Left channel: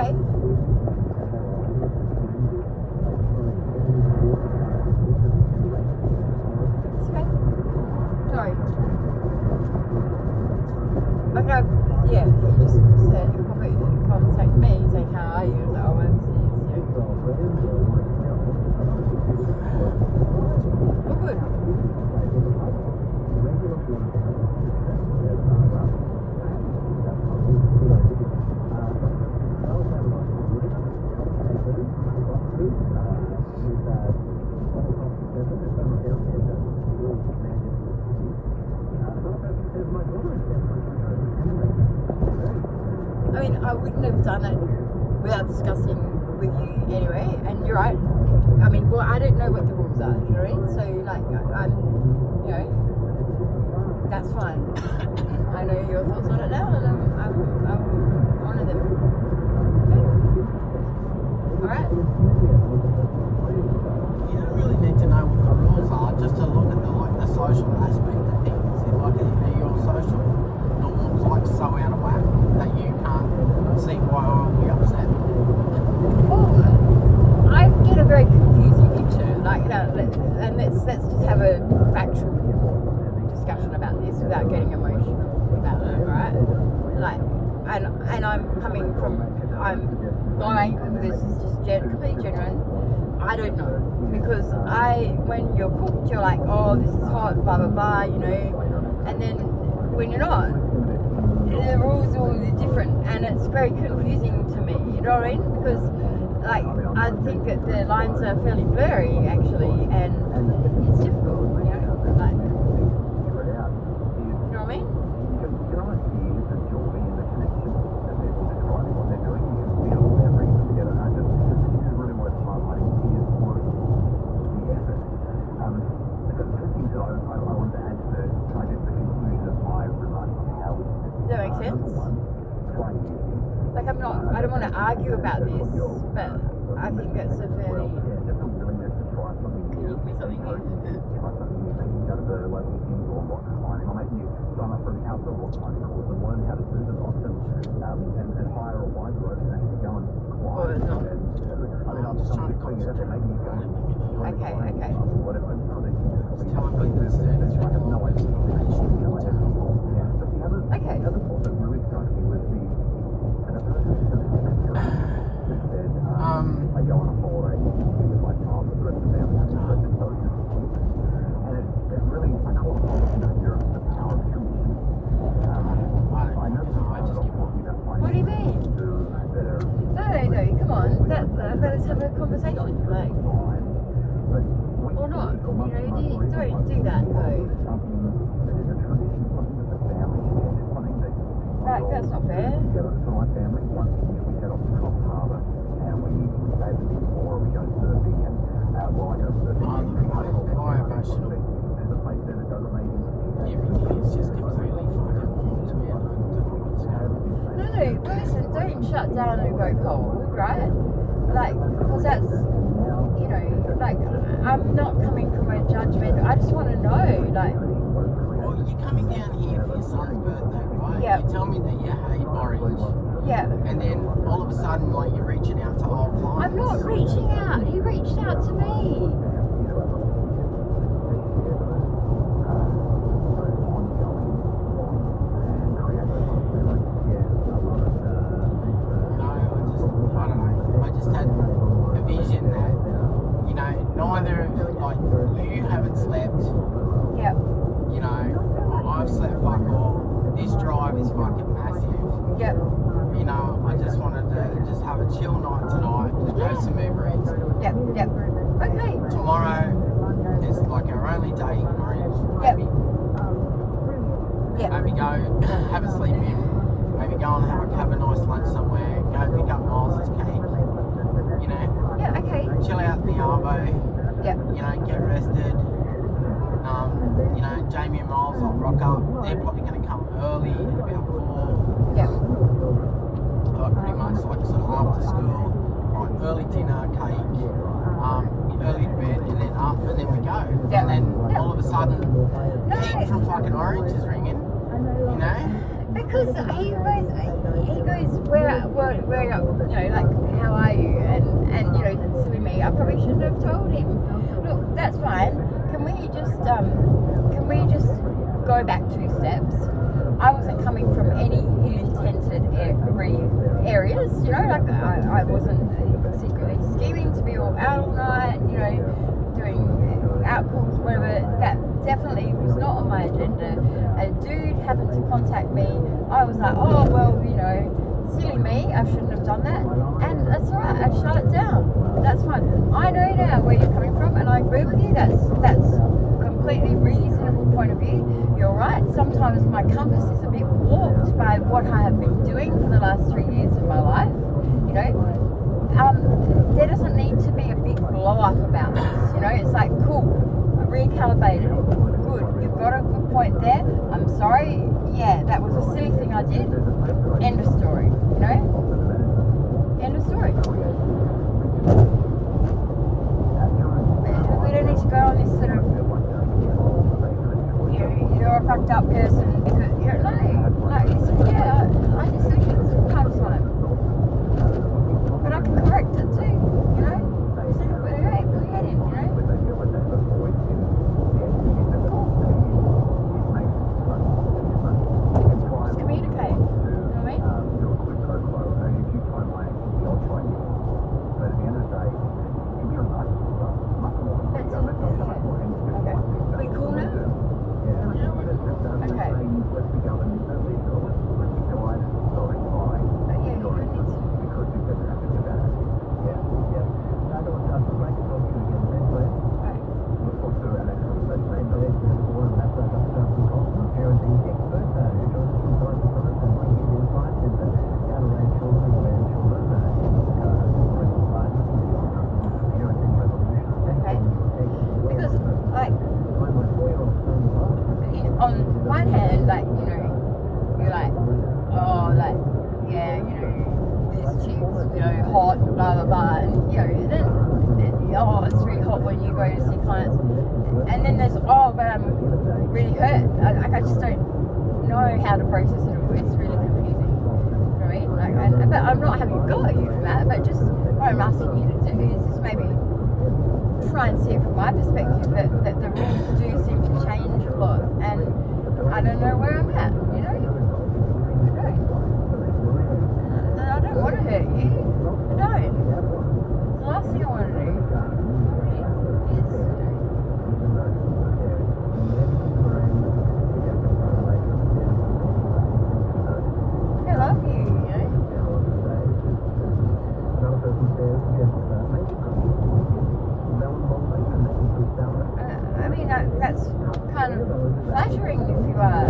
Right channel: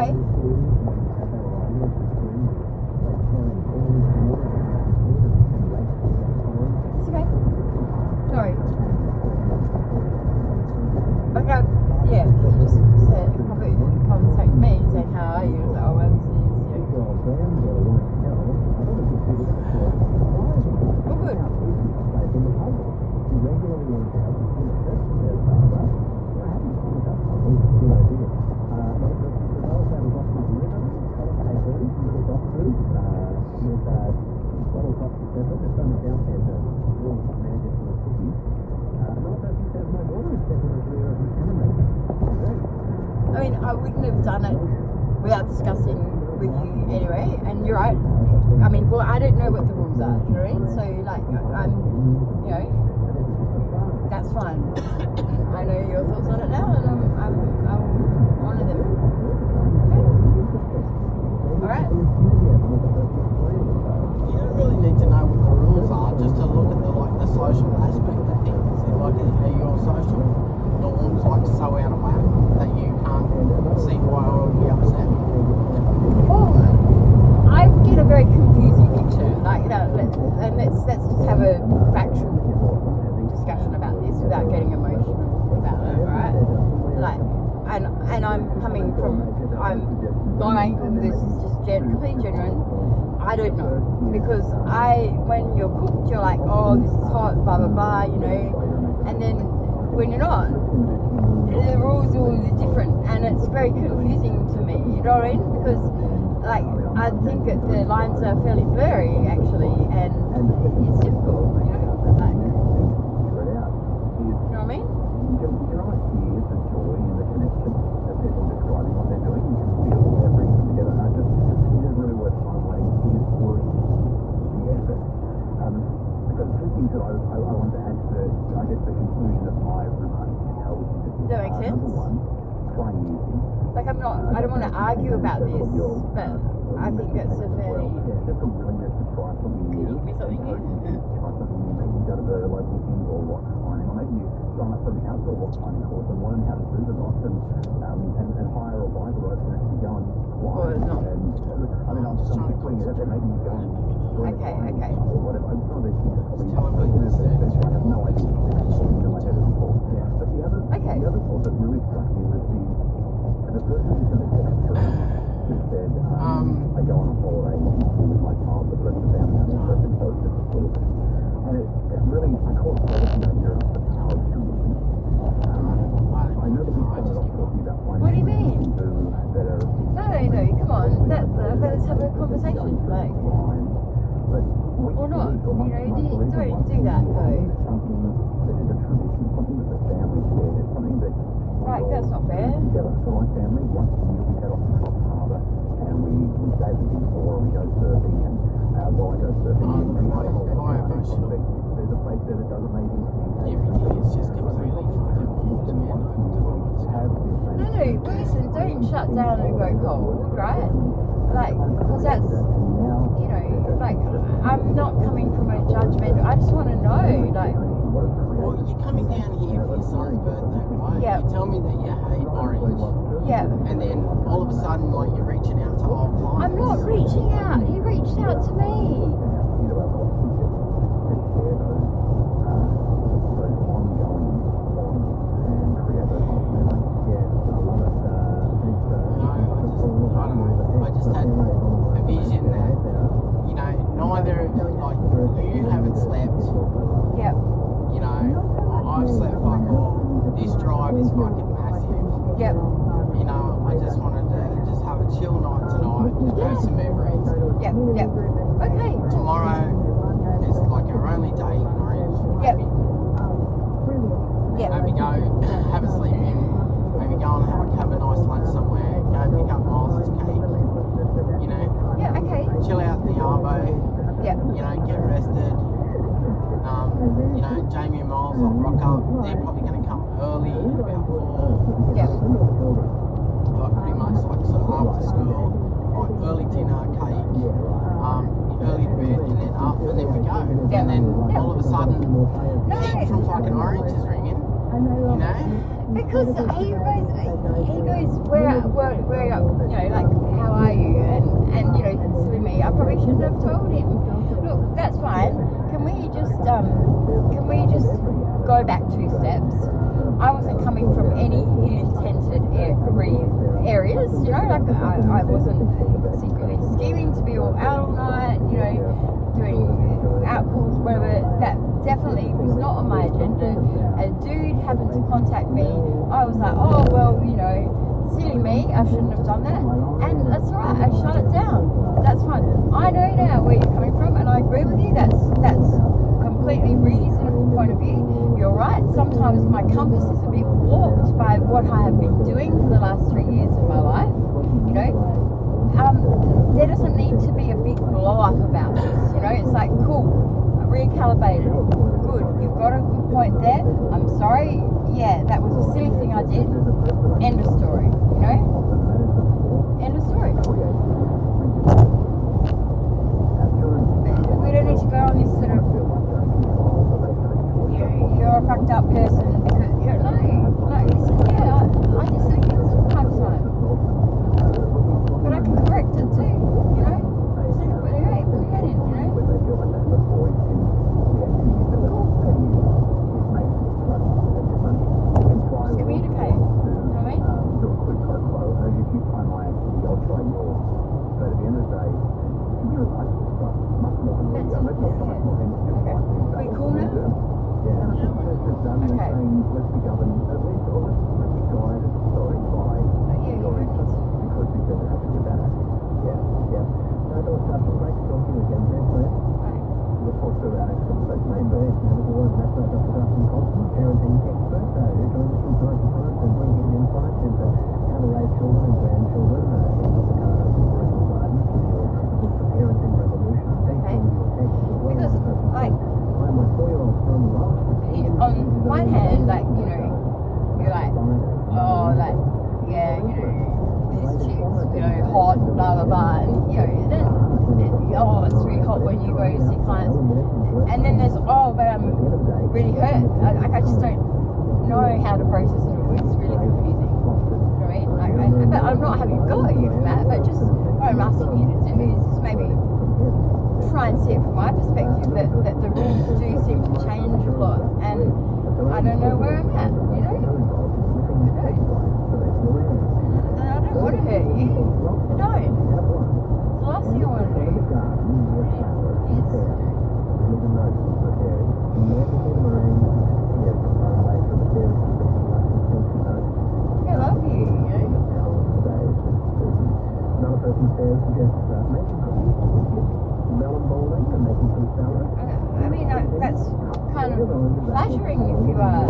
okay. Sorry. Okay, yeah, he just said he'll probably contact me saying how are you? So I went to good. I mean, I wouldn't have done it without discussing with you anyway, and you're right. I mean, well, I don't know what the rules are, you know what I mean? So, like, I'm, you know, that's fine. I know your thoughts on it now, and I'll honour them. Okay? Alright? You don't really need to know what the rules are, just to look at the social aspect of things. Like, are your social norms like so out of whack that you can't see why I would be upset? Well, I get a very confusing picture. Like, and let's just have a factual discussion about this without getting emotional about it, right? Like, and I'm coming from, I'm going, this is just completely genuine. I don't know, because when you're cooked, you're like, oh, this is hot, blah blah blah, you know, and then when you're not, the rules are all different, and it's very confusing to me, you know what I mean? Because, like, I think that the lines are fairly blurry, actually, and it's difficult, you know, like, you know what I mean? Does that make sense? Like, I don't want to argue about this, but I think that's a fairly... Can you do something here? Okay. What do you mean? No, come on. Let's have a conversation. Like, or not. You know, don't do that though. Right, that's not fair. Listen, don't shut down and go cold, right? Like, because that's, you know, like, I'm not coming from a judgment. I just want to know, like... Well, you're coming down here for your son's birthday, right? Yeah. You tell me that you hate orange. Yeah. And then all of a sudden, like, you're reaching out to old clients. I'm not reaching out. He reached out to me. I just had a vision that, you know, neither, like, you haven't slept. Yep. You know, I've slept fuck all. This drive is fucking massive. Yep. You know, I just wanted to just have a chill night tonight, just go some Uber Eats. Yep. Okay. Tomorrow is like our only day in Orange. Yep. Maybe go have a sleep in. Maybe go and have a nice lunch somewhere. Go pick up Miles's cake. You know. Yeah. Okay. Chill out in the Arvo. Yep. You know, get rested. You know, Jamie and Miles will rock up. They're probably going to come early, about 4. Yep. Pretty much like sort of after school. Like early dinner, cake, early to bed, and then up, and then we go. Yep. And then all of a sudden, No. Pete from fucking Orange is ringing. You know? Because he goes where you know, like, wasn't secretly scheming to be all out all night, you know, doing outcalls, whatever. That definitely was not on my agenda. A dude happened to contact me. I was like, oh, well, you know, silly me, I shouldn't have done that. And that's all right, I shut it down. That's fine. I know now where you're coming from, and I agree with you. That's completely reasonable point of view. You're right. Sometimes my compass is a bit warped by what I have been doing for the last 3 years of my life. You know, there doesn't need to be a big blow up about this. You know, it's like, cool, I recalibrated. Good, you've got a good point there. I'm sorry. Yeah, that was a silly thing I did. End of story. You know, end of story. We don't need to go on this sort of, you're a fucked up person because no, yeah, I just think it's part of time. But I can correct it too, you know? So put your head in, you know? Just communicate, you know what I mean? Okay. We cool now? Okay. On one hand, like, you know, you're like, oh, like, yeah, you know, this chick's, you know, hot, blah, blah, blah, and, you know, then oh, it's really hot when you go to see clients, and then there's, oh, but I'm really hurt, like, I just don't know how to process it all, it's really confusing, you know what I mean, like, but I'm not having a go at you for that, but just what I'm asking you to do is just maybe try and see it from my perspective that the rules do seem to change a lot, and I don't know where I'm at, you know? I don't want to hurt you. I don't. The last thing I want to do is I love you, you know? I mean, that's kind of flattering if you are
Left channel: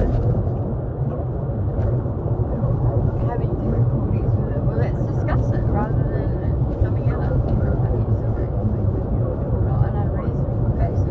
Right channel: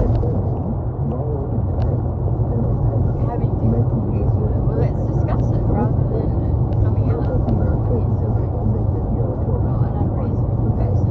having difficulties with it. Well, let's discuss it rather than coming out of it. Not an unreasonable person.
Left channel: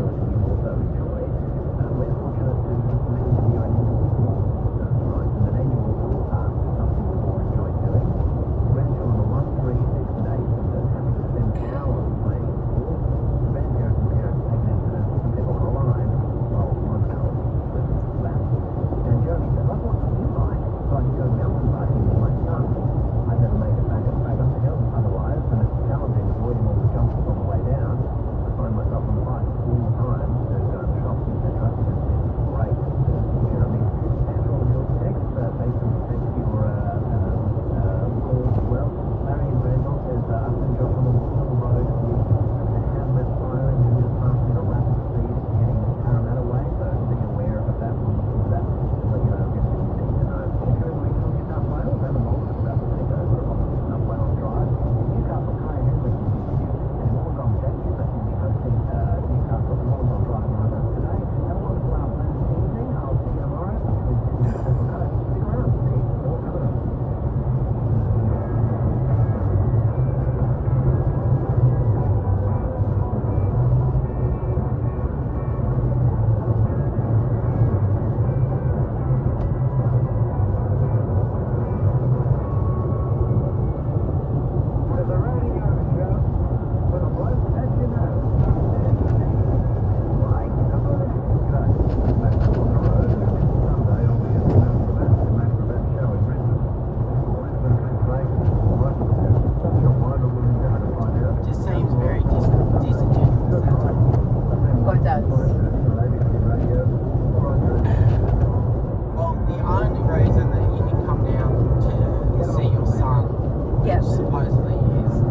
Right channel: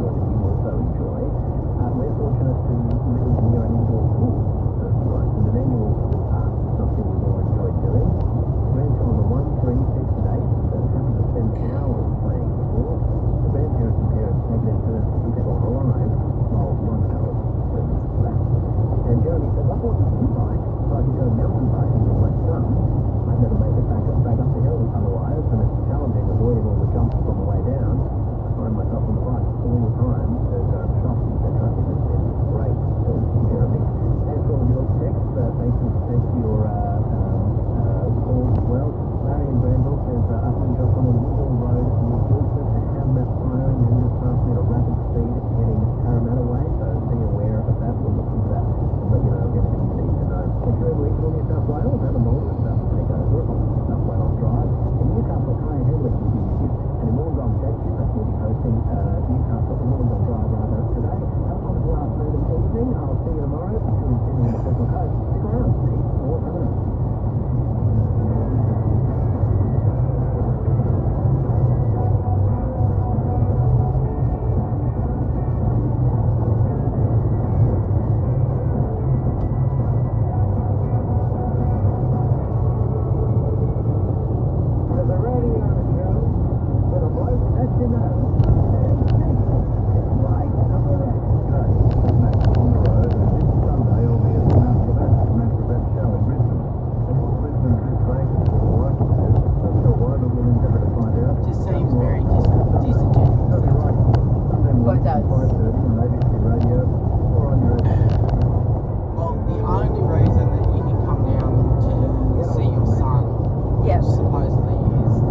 supposedly is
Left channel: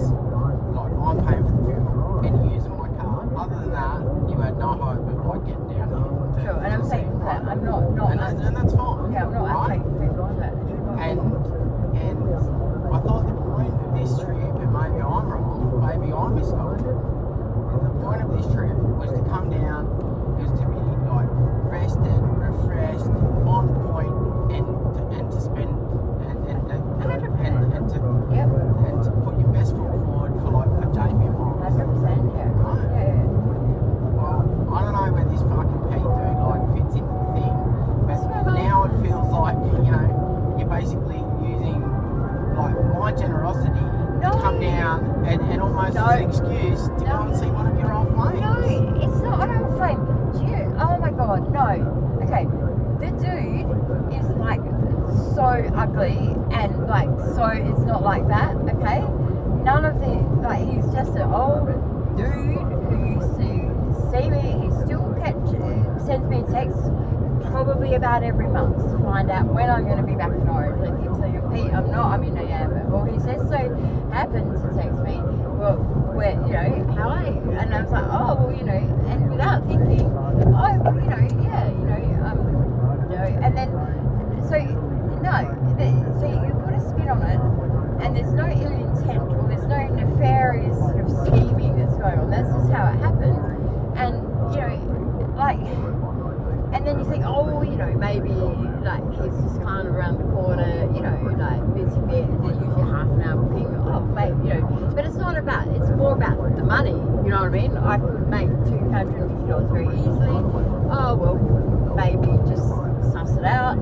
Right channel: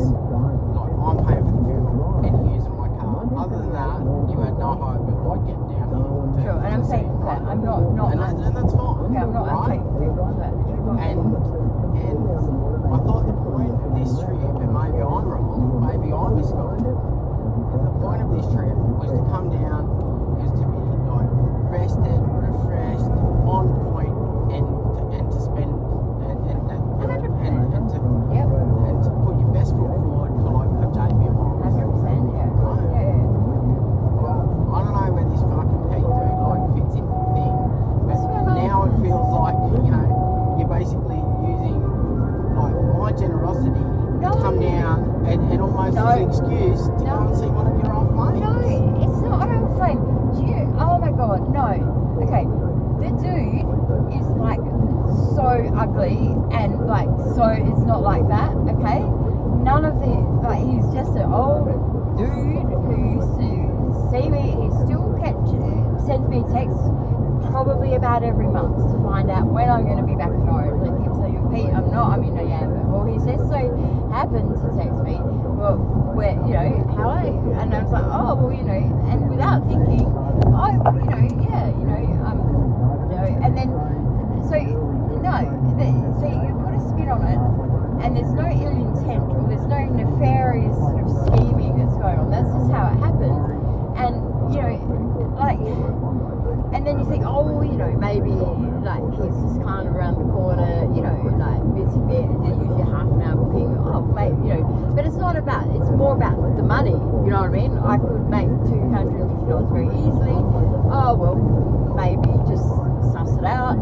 is like I'm paying for the fuel and you're using my car. Other than that, you had no hope of like getting down here. Sure, and I'm saying that I'm not and that's fine. yeah, I'm not right? people that. And I thought the point of this trip, and maybe I'm wrong, maybe I misspelled it. The point of this trip was to come down, was to be like rested, refreshed, on point, and to spend and to Yep. and to put your best foot forward for Jamie and Mom. 100%, yeah. Right? Yeah. Well, I don't know where this fucking Pete dude like fits into the thing, but now it feels like you're basically using like my generosity to come down and almost as an excuse to go and see one of your old mates. No, it's not an old flame. Do you? Oh my god, no. Okay, the dude is like so ugly and like so it's not like that. Okay, none of the like he's just an old dude who used to see me. He still sends me texts probably about every month to find out when I'm going to be back in Orange. Like keeps saying, Pete, I'm in Yamba. Well, he says so happens to text me. Well, where how are you? And I was like, oh well, and without thinking, oh and then so so you put a spin on it, and there's no ill intent or there's no nefarious sort of scheming that's going on. That's just how it happens, and and then you think, oh, maybe like he's just kind of around the corner, like busy bit. There's usually a half an hour booking. Oh, maybe but it's not about. It's more about the money. You know what I mean? I could make $250 very easily. Oh well, maybe just suss it out.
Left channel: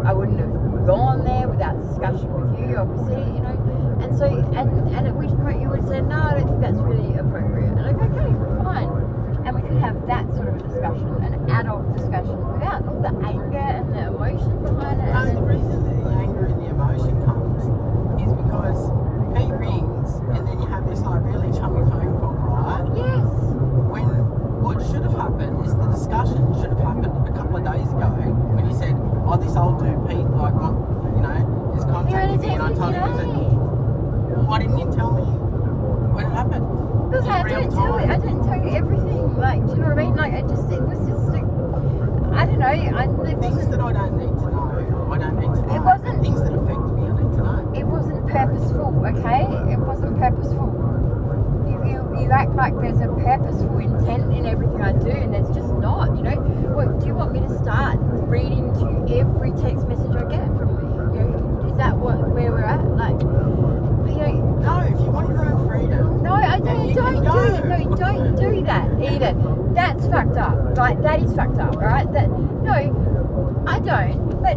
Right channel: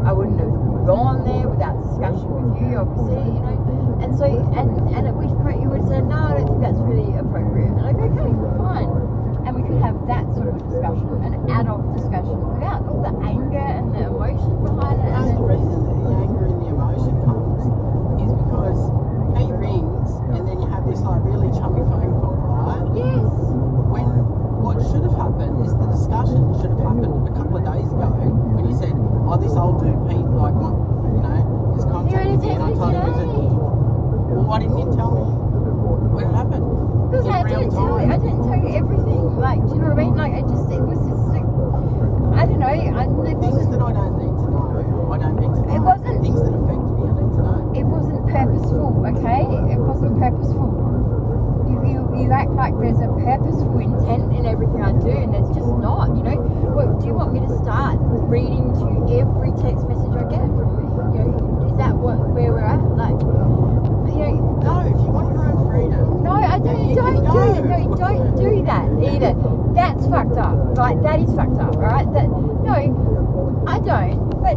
I wouldn't have gone there without discussion with you, obviously. And so and at which point you would say, no, I don't think that's really appropriate. And I go, okay, fine. And we could have that sort of a discussion, an adult discussion, without all the anger and the emotion behind it. The reason that the anger and the emotion comes is because Pete rings and then you have this like really chummy phone call, right? Yes. When what should have happened is the discussion should have happened a couple of days ago when you said, oh, this old dude Pete, like, is contacting me, and I told him, well, why didn't you tell me when it happened? Because I didn't tell you everything. Like, do you know what I mean? Like, it was just like, I don't know. Things that I don't need to know. I don't need to know. It wasn't. Things that affect me, I need to know. It wasn't purposeful, okay? It wasn't purposeful. You act like there's a purposeful intent in everything I do, and it's just not. What do you want me to start reading to you every text message I get from you? Is that where we're at? Like, no. If you want your own freedom, no, don't do that either. That's fucked up. Like, that is fucked up. All right. No, I don't. But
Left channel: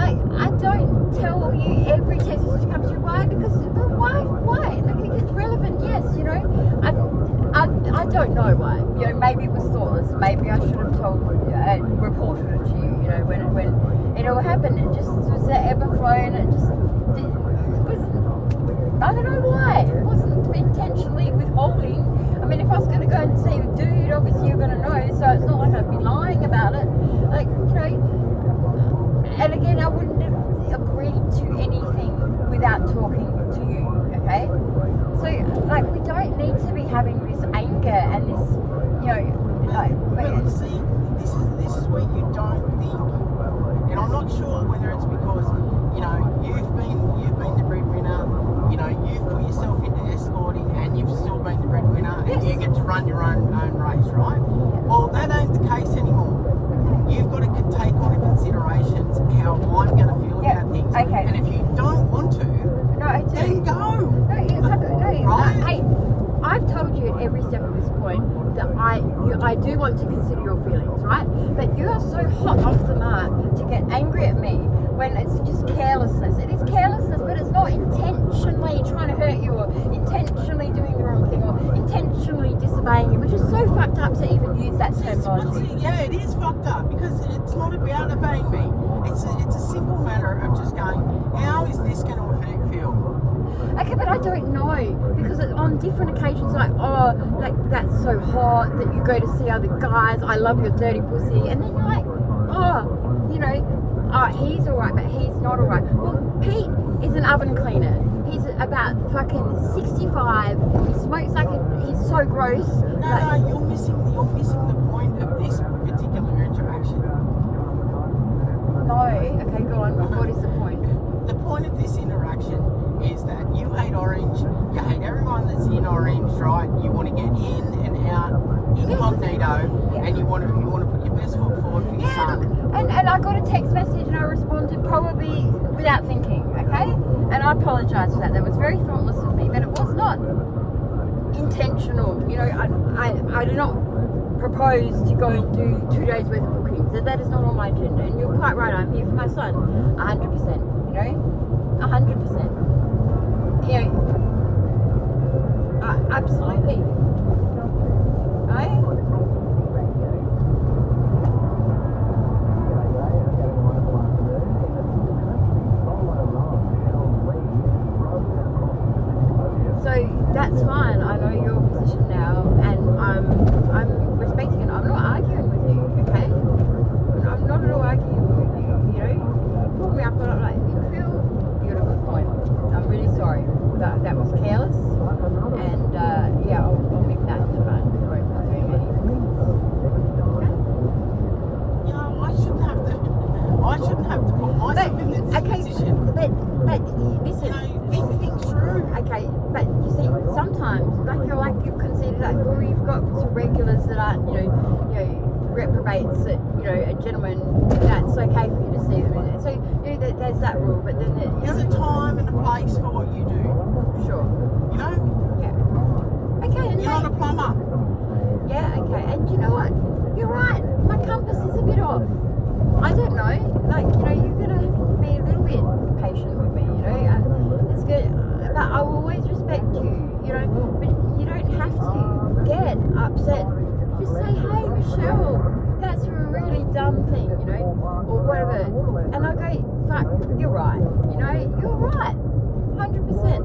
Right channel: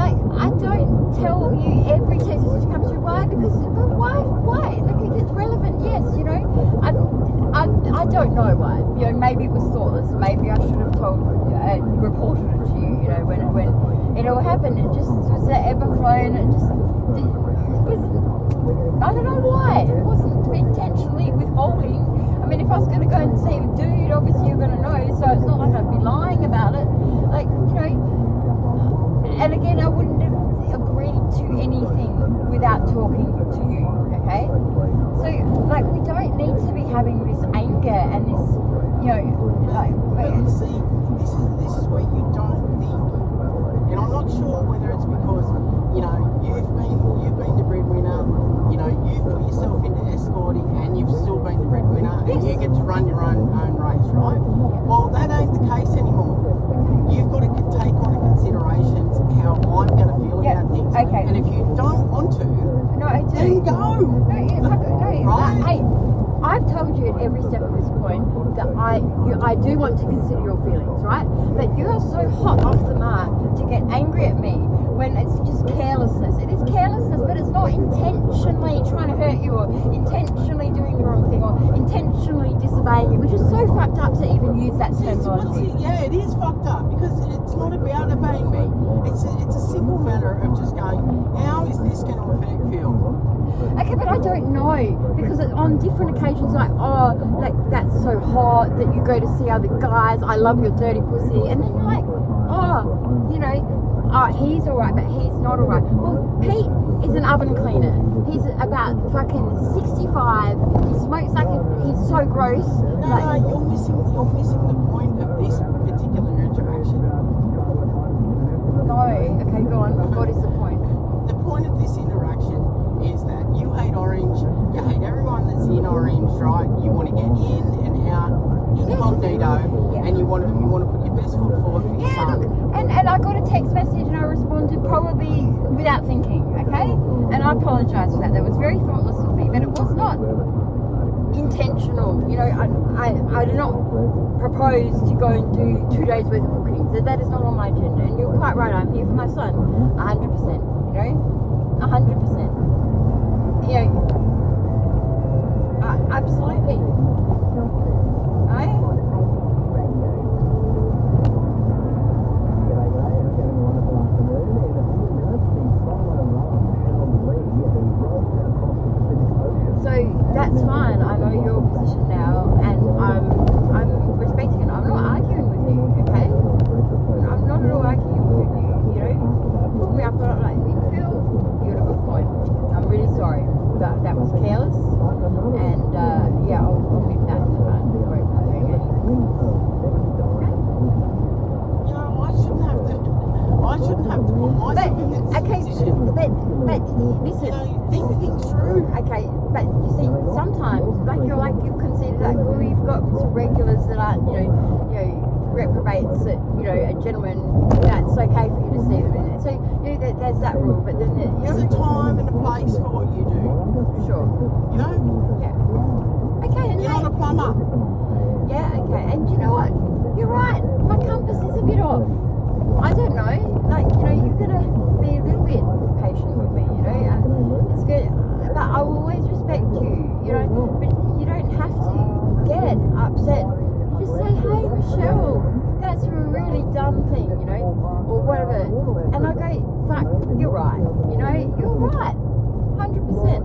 I don't tell you every text message comes through. Why? Because why? Like, it's relevant. Yes, I don't know why. Maybe it was thoughtless. Maybe I should have reported it to you. When it all happened, it just was the ebb and flow, and it was. I don't know why. It wasn't intentionally withholding. I mean, if I was going to go and see the dude, obviously you're going to know. So it's not like I'd be lying about it. Like, and again, I wouldn't have agreed to anything without talking to you, okay? So, like, we don't need to be having this anger and this, But see, this is where you don't think, and I'm not sure whether it's because, you've been the breadwinner, you've put yourself into escorting and you've still been the breadwinner, and you get to run your own race, right? Well, that ain't the case anymore. You've got to take on considerations how I'm going to feel about things. Okay. And if you don't want to, then go. Right? Hey, I've told you at every step of this point that I do want to consider your feelings, right? But you're so hot off the mark to get angry at me when it's just carelessness. It is carelessness, but it's not intentionally trying to hurt you or intentionally doing the wrong thing or intentionally disobeying you, which is so fucked up to even use that terminology. Yeah, it is fucked up because it's not about obeying me. It's a simple matter of just going, how is this going to affect you? Okay, but I don't know, because on different occasions, like, oh, like, that's so hot that you go to see other guys, I love your dirty pussy, and then you're like, oh, he's alright, but he's not alright. Well, Pete is an oven cleaner. He's about fucking 65. He smokes like he's so gross. No, you're missing the point of this particular interaction. No, okay, go on. What is the point? The point of this interaction is that you hate Orange, you hate everyone that's in Orange, right? You want to get in and out incognito, and you want to put your best foot forward for your son. And I got a text message and I responded probably without thinking, okay? And I apologise for that. That was very thoughtless of me, but it was not intentional. You know, I do not propose to go and do 2 days worth of bookings. That is not on my agenda. And you're quite right. I'm here for my son, 100%. You know, 100%. You know, absolutely. Right? So that's fine. I know your position now, and I'm respecting it. I'm not arguing with you, okay? I'm not at all arguing with you. You know, pull me up, but I'm like, Phil, you got a good point. I'm really sorry. That was careless, and yeah, I'll nip that in the bud. I won't be doing anything. Okay? You know, I shouldn't have to put myself in this position. But listen, You know, think things through. okay, but you see, sometimes, like you've considered that, or you've got some regulars that aren't, you know, reprobates that, you know, a gentleman, that's okay for you to see them in it. So, you know, there's that rule, but then There's a time and a place for what you do. sure, You know, yeah, okay, and you're not a plumber. yeah, okay, and you know what? You're right. My compass is a bit off. I don't know. Like, you know, you're gonna be a little bit patient with me. You know, it's good, but I will always respect you. You know, but you don't have to get upset. Just say, hey, Michelle, that's a really dumb thing. You know, or whatever. And I go, fuck, you're right. You know, you're right. 100%.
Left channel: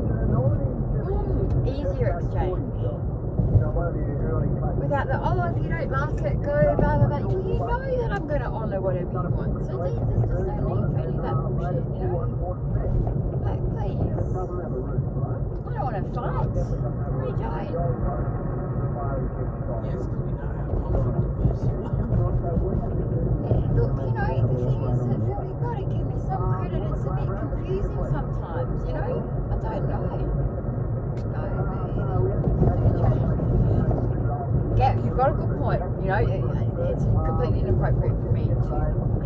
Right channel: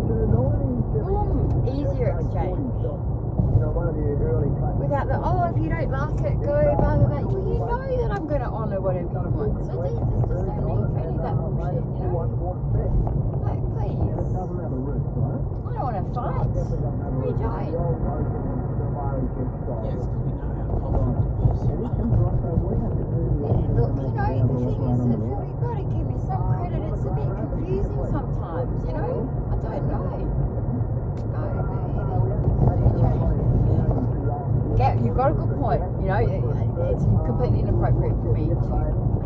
Easier exchange. Without the, oh, if you don't like it, go, blah, blah, blah. You know that I'm going to honour whatever you want. So there's just no need for any of that bullshit, you know? Like, please. I don't want to fight. I really don't. Yes, because we know how conflict is. Look, you know, the thing is that, Phil, you've got to give me some credit. It's a bit confusing sometimes, you know? I don't know. Yeah, you've got a good point. You know, it's completely inappropriate for me to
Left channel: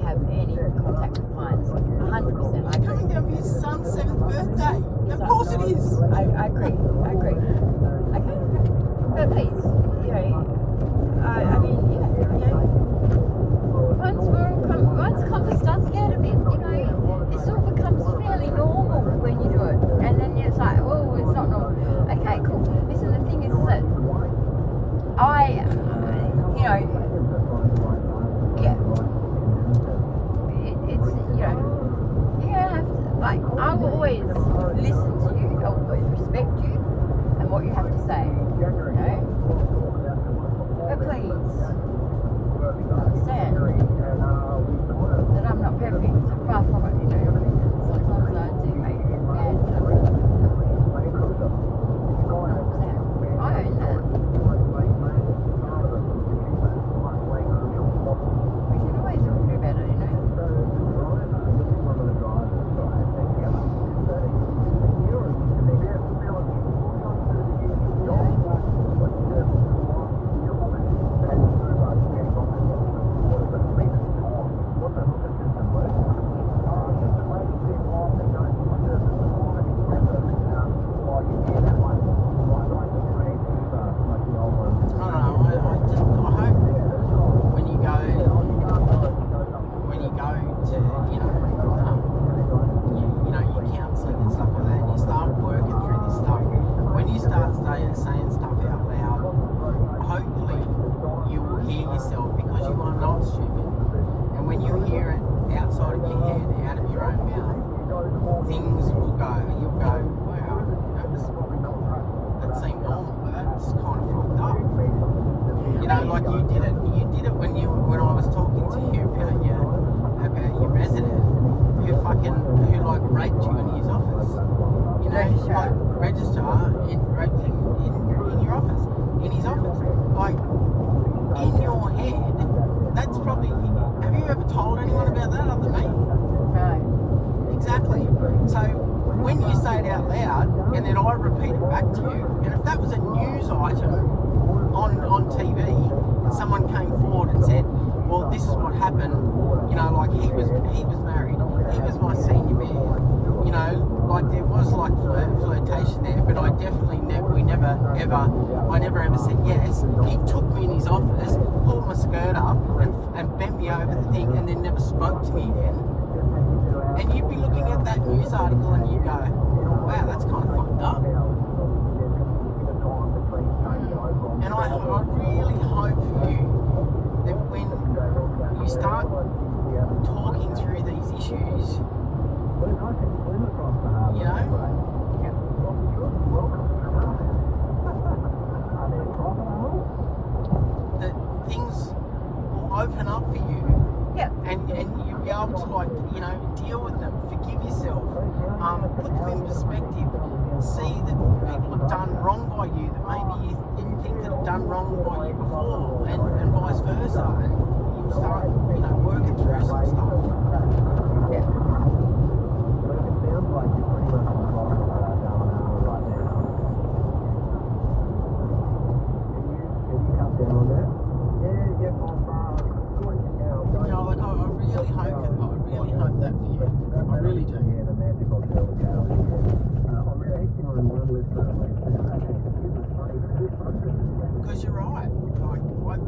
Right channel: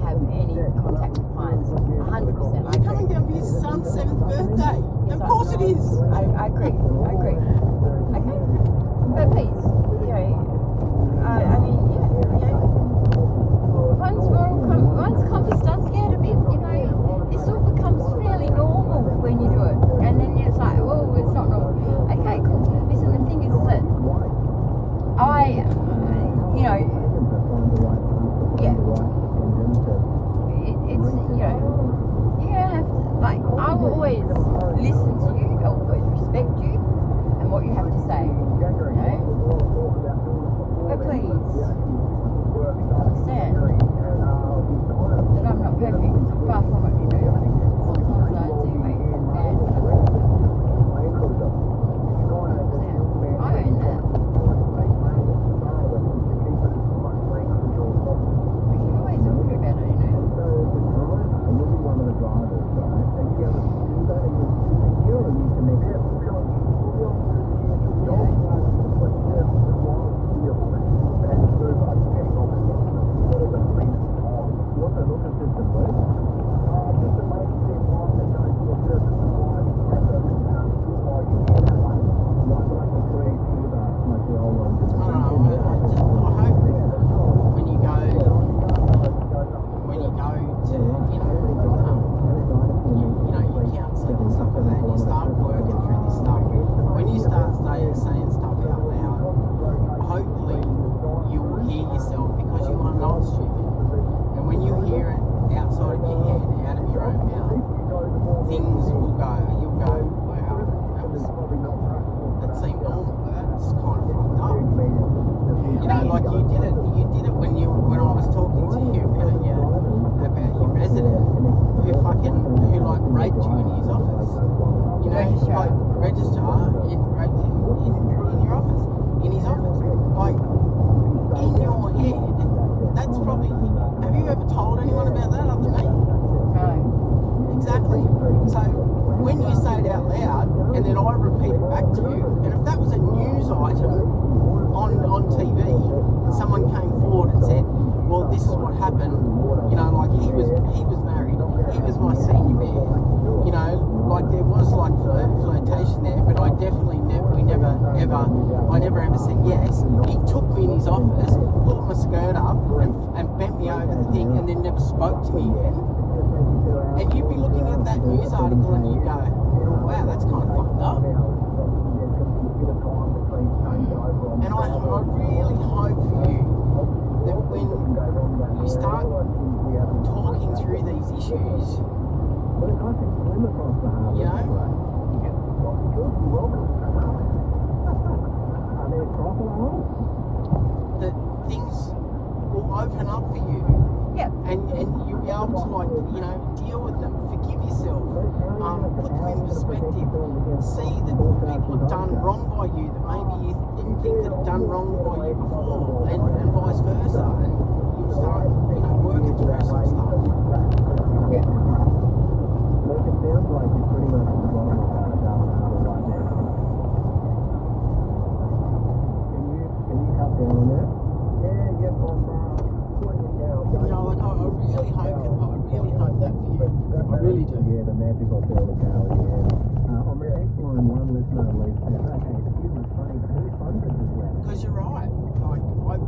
have any contact with clients. 100%. I agree. Coming down for your son's 7th birthday. Of course it is. I agree. Okay. But please, you know, I mean, you know, once compass does get a bit, you know, it sort of becomes fairly normal when you do it. And then it's like, oh, it's not normal. Okay, cool. Listen, the thing is that you know, yeah, it's, you know, you have to, like, I will always listen to you, I will always respect you and what you have to say, you know, but please, understand that I'm not perfect, far from it, you know, sometimes I do make bad judgments. I own that. We can always do better, you know. You did it when I was talking to you about your resident. read you in his office. You know, like register in your office, in his office. Like in your head, that's probably. Have you ever told anyone about that other than me? No. Exactly. So when you say it out loud, and then I repeat it back to you, and if that was a news item on TV, and someone came forward and said, "Well, this is what happened," you know, like he was married, he was my senior man, you know, like there was like flirtation there, but I definitely I never ever said yes. He took me in his office, pulled my skirt up, and bent me over the thing, and then never spoke to me again. And you'd be looking at that news article and you go, wow, that's kind of fucked up. And I really hope for you that when you start talking through these issues, you know, that things will open up for you. Yep. And you'll be able to, like, you know, deal with them, forgive yourself, put them in perspective, see that people have done wrong by you that maybe you didn't think that have done wrong by you before, and vice versa, and you start, you know, working through some stuff. Yep. Because you're right. Like,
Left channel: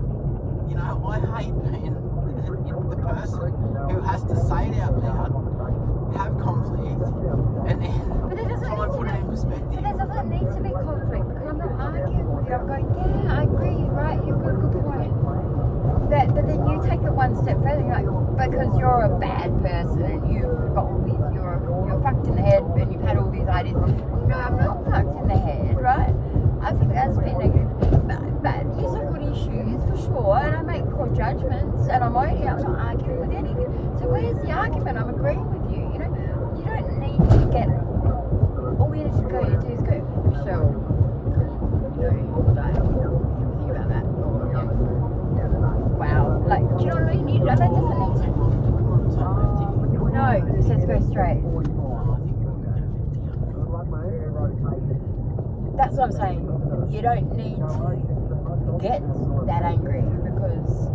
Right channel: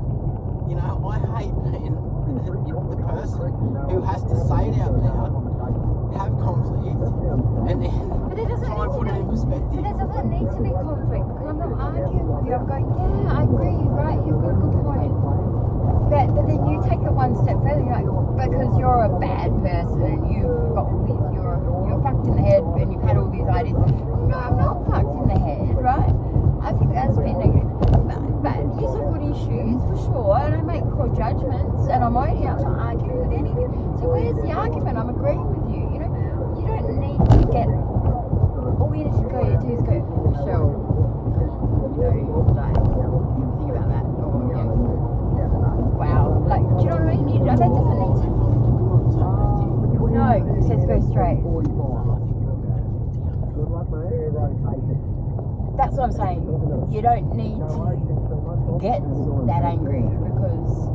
I hate being the person who has to say it out loud, have conflict, and then try and put it in perspective. But there doesn't need to be conflict, because I'm not arguing with you. I'm going, yeah, I agree, right? You've got a good point. But then you take it one step further. You're like, because you're a bad person, you've got all these, you're fucked in the head, and you've had all these ideas. No, I'm not fucked in the head, right? I think that's a bit negative. But these are good issues for sure, and I make poor judgments, and I'm not arguing with anything. So where's the argument? I'm agreeing with you. You know, you don't need to get. All you need to go do is go. So, you know, like, think about that. Wow, like, do you know what I mean? That doesn't need to. No, it says go straight. That's what I'm saying. You don't need to get that angry, because,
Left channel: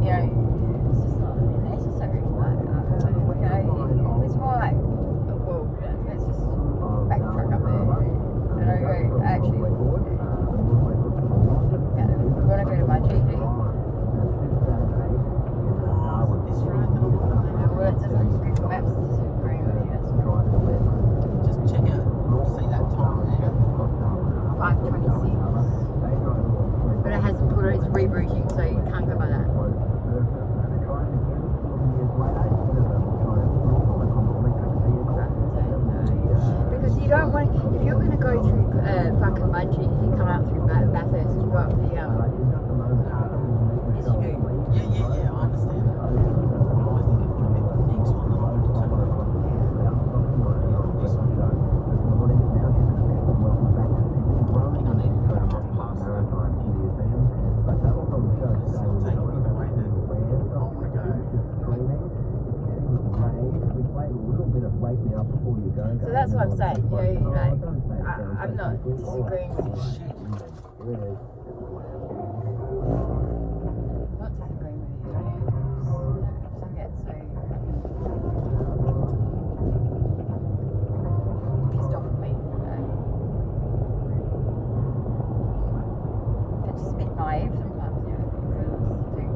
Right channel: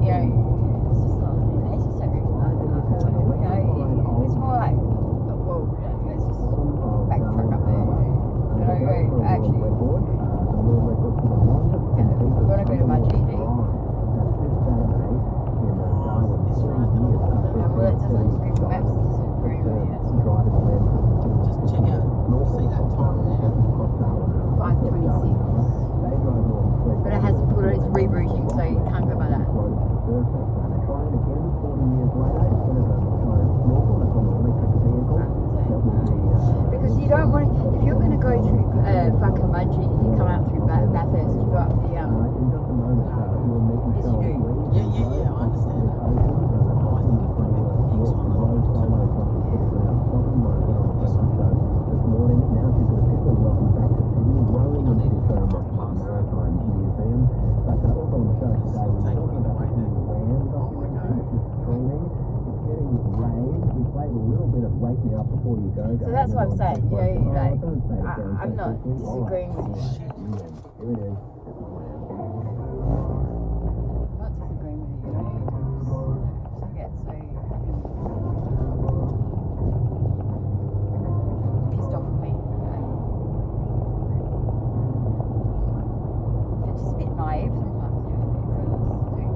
you know, it's just not necessary. Like, you know, it's more like, well, let's just backtrack up there. And I go, actually, yeah, we want to go to my GD. Well, it doesn't, Google Maps doesn't agree with you. Just check out, see that time there. 5:26. But it hasn't put it, it's rerouting, so you can't go by that. Because you don't want to, if you're going to go through fucking Mudgee, you come out through Bathurst, you go up the, yes you do. Yeah, I understand that. I think the next one I want to turn over. This one. I need to turn up past that. Still taking me the way that I want to go. So that's what I'm saying, you know, like, I'm not disagreeing with you. Not disagreeing with you. I get so pissed off with me. They're just a bit naive sometimes, you know, because too.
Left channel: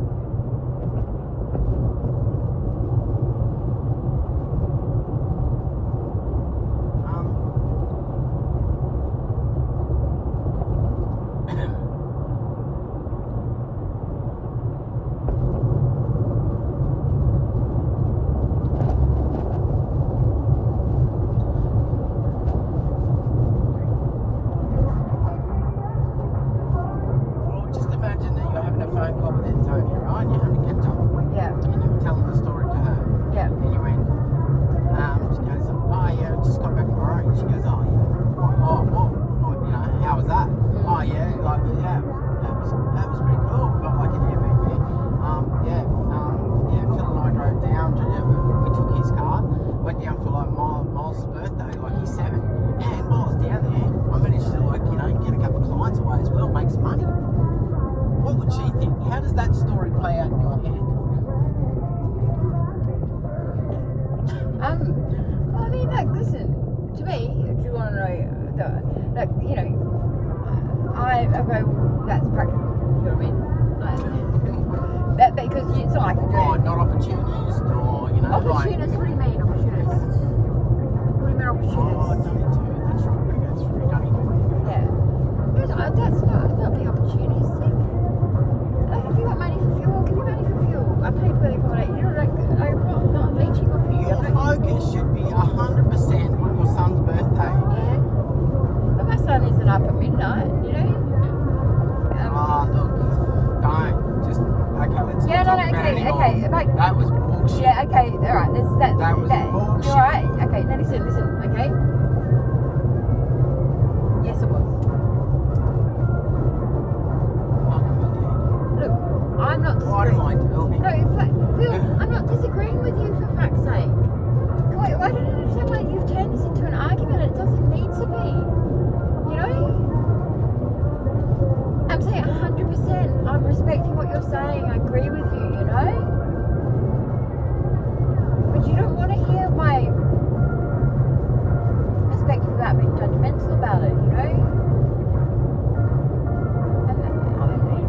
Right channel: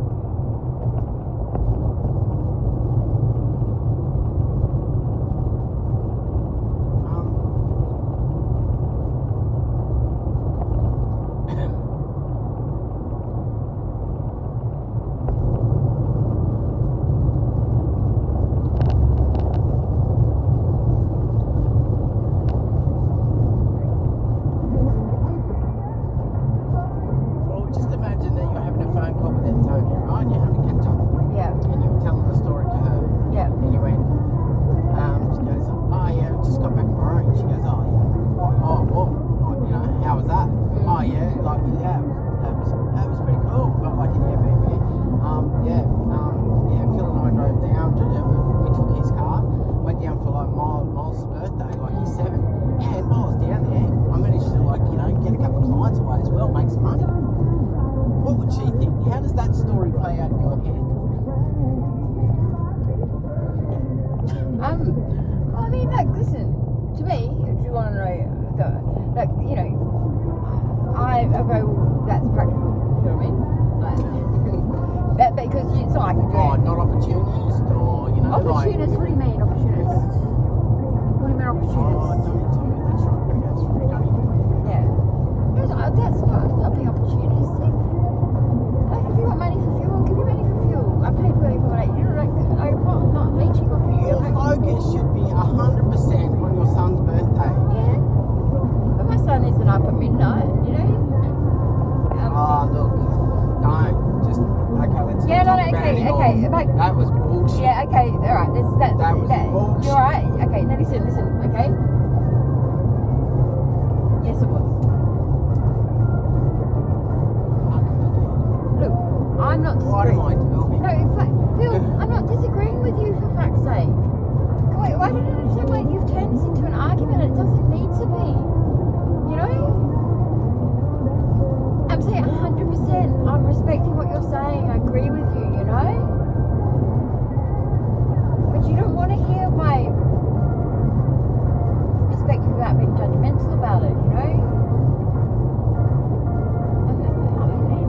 Well, I mean, like, listen, to me, if you want to know, like, you know, I go, that's practical. You know what I mean? Like, because it's not like I do. Oh, not opportunist, or you know, Opportunist, what do you mean, opportunist? What do you mean, opportunist? Oh, Dunny too. That's right. Gotta go through Dunny. Yeah. That's not being opportunistic. Like, if you got money for fuel, give me money for fuel. I pay for the accommodation. You know, like, I'm not leeching off you. Your focus should be 100% on your son's birthday. Yeah. But my son isn't up at midnight, you know? Look, don't. Just, okay, let's Yeah, not no, talk about it okay. anymore. Like, That was bullshit. yeah, okay, alright. That was bullshit. You're alright. Okay, now listen, okay? Yes, it was. Look, I'm not What am I disagreeing. doing? No, in fact, Phil, I'm not disagreeing with you for fuck's sake. Wait, why did it sound like you've turned this into an argument? It doesn't need to be. You know? I'm saying 100%. I'm respecting what you're saying. I agree with you, you know? But you don't want to hear my perspective without being judgmental about it, you know? And I mean,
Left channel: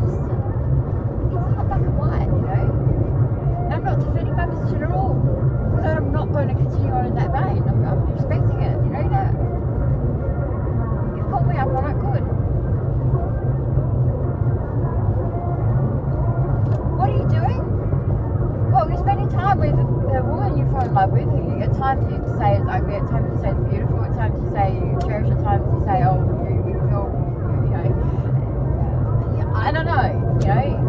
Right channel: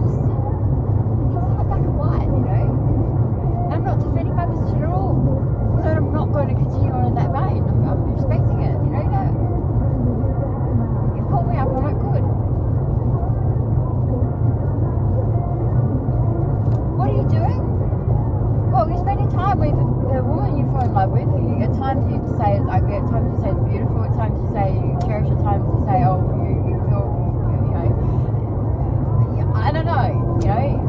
it's not black and white, you know? And I'm not defending my position at all. Because I'm not going to continue on in that vein. I'm respecting it, you know that? You've called me up on it, good. What are you doing? Well, you're spending time with the woman you fell in love with. At times you say it's ugly, at times you say it's beautiful, at times you say you cherish, at times you say, oh, you feel, you know, I don't know, you know.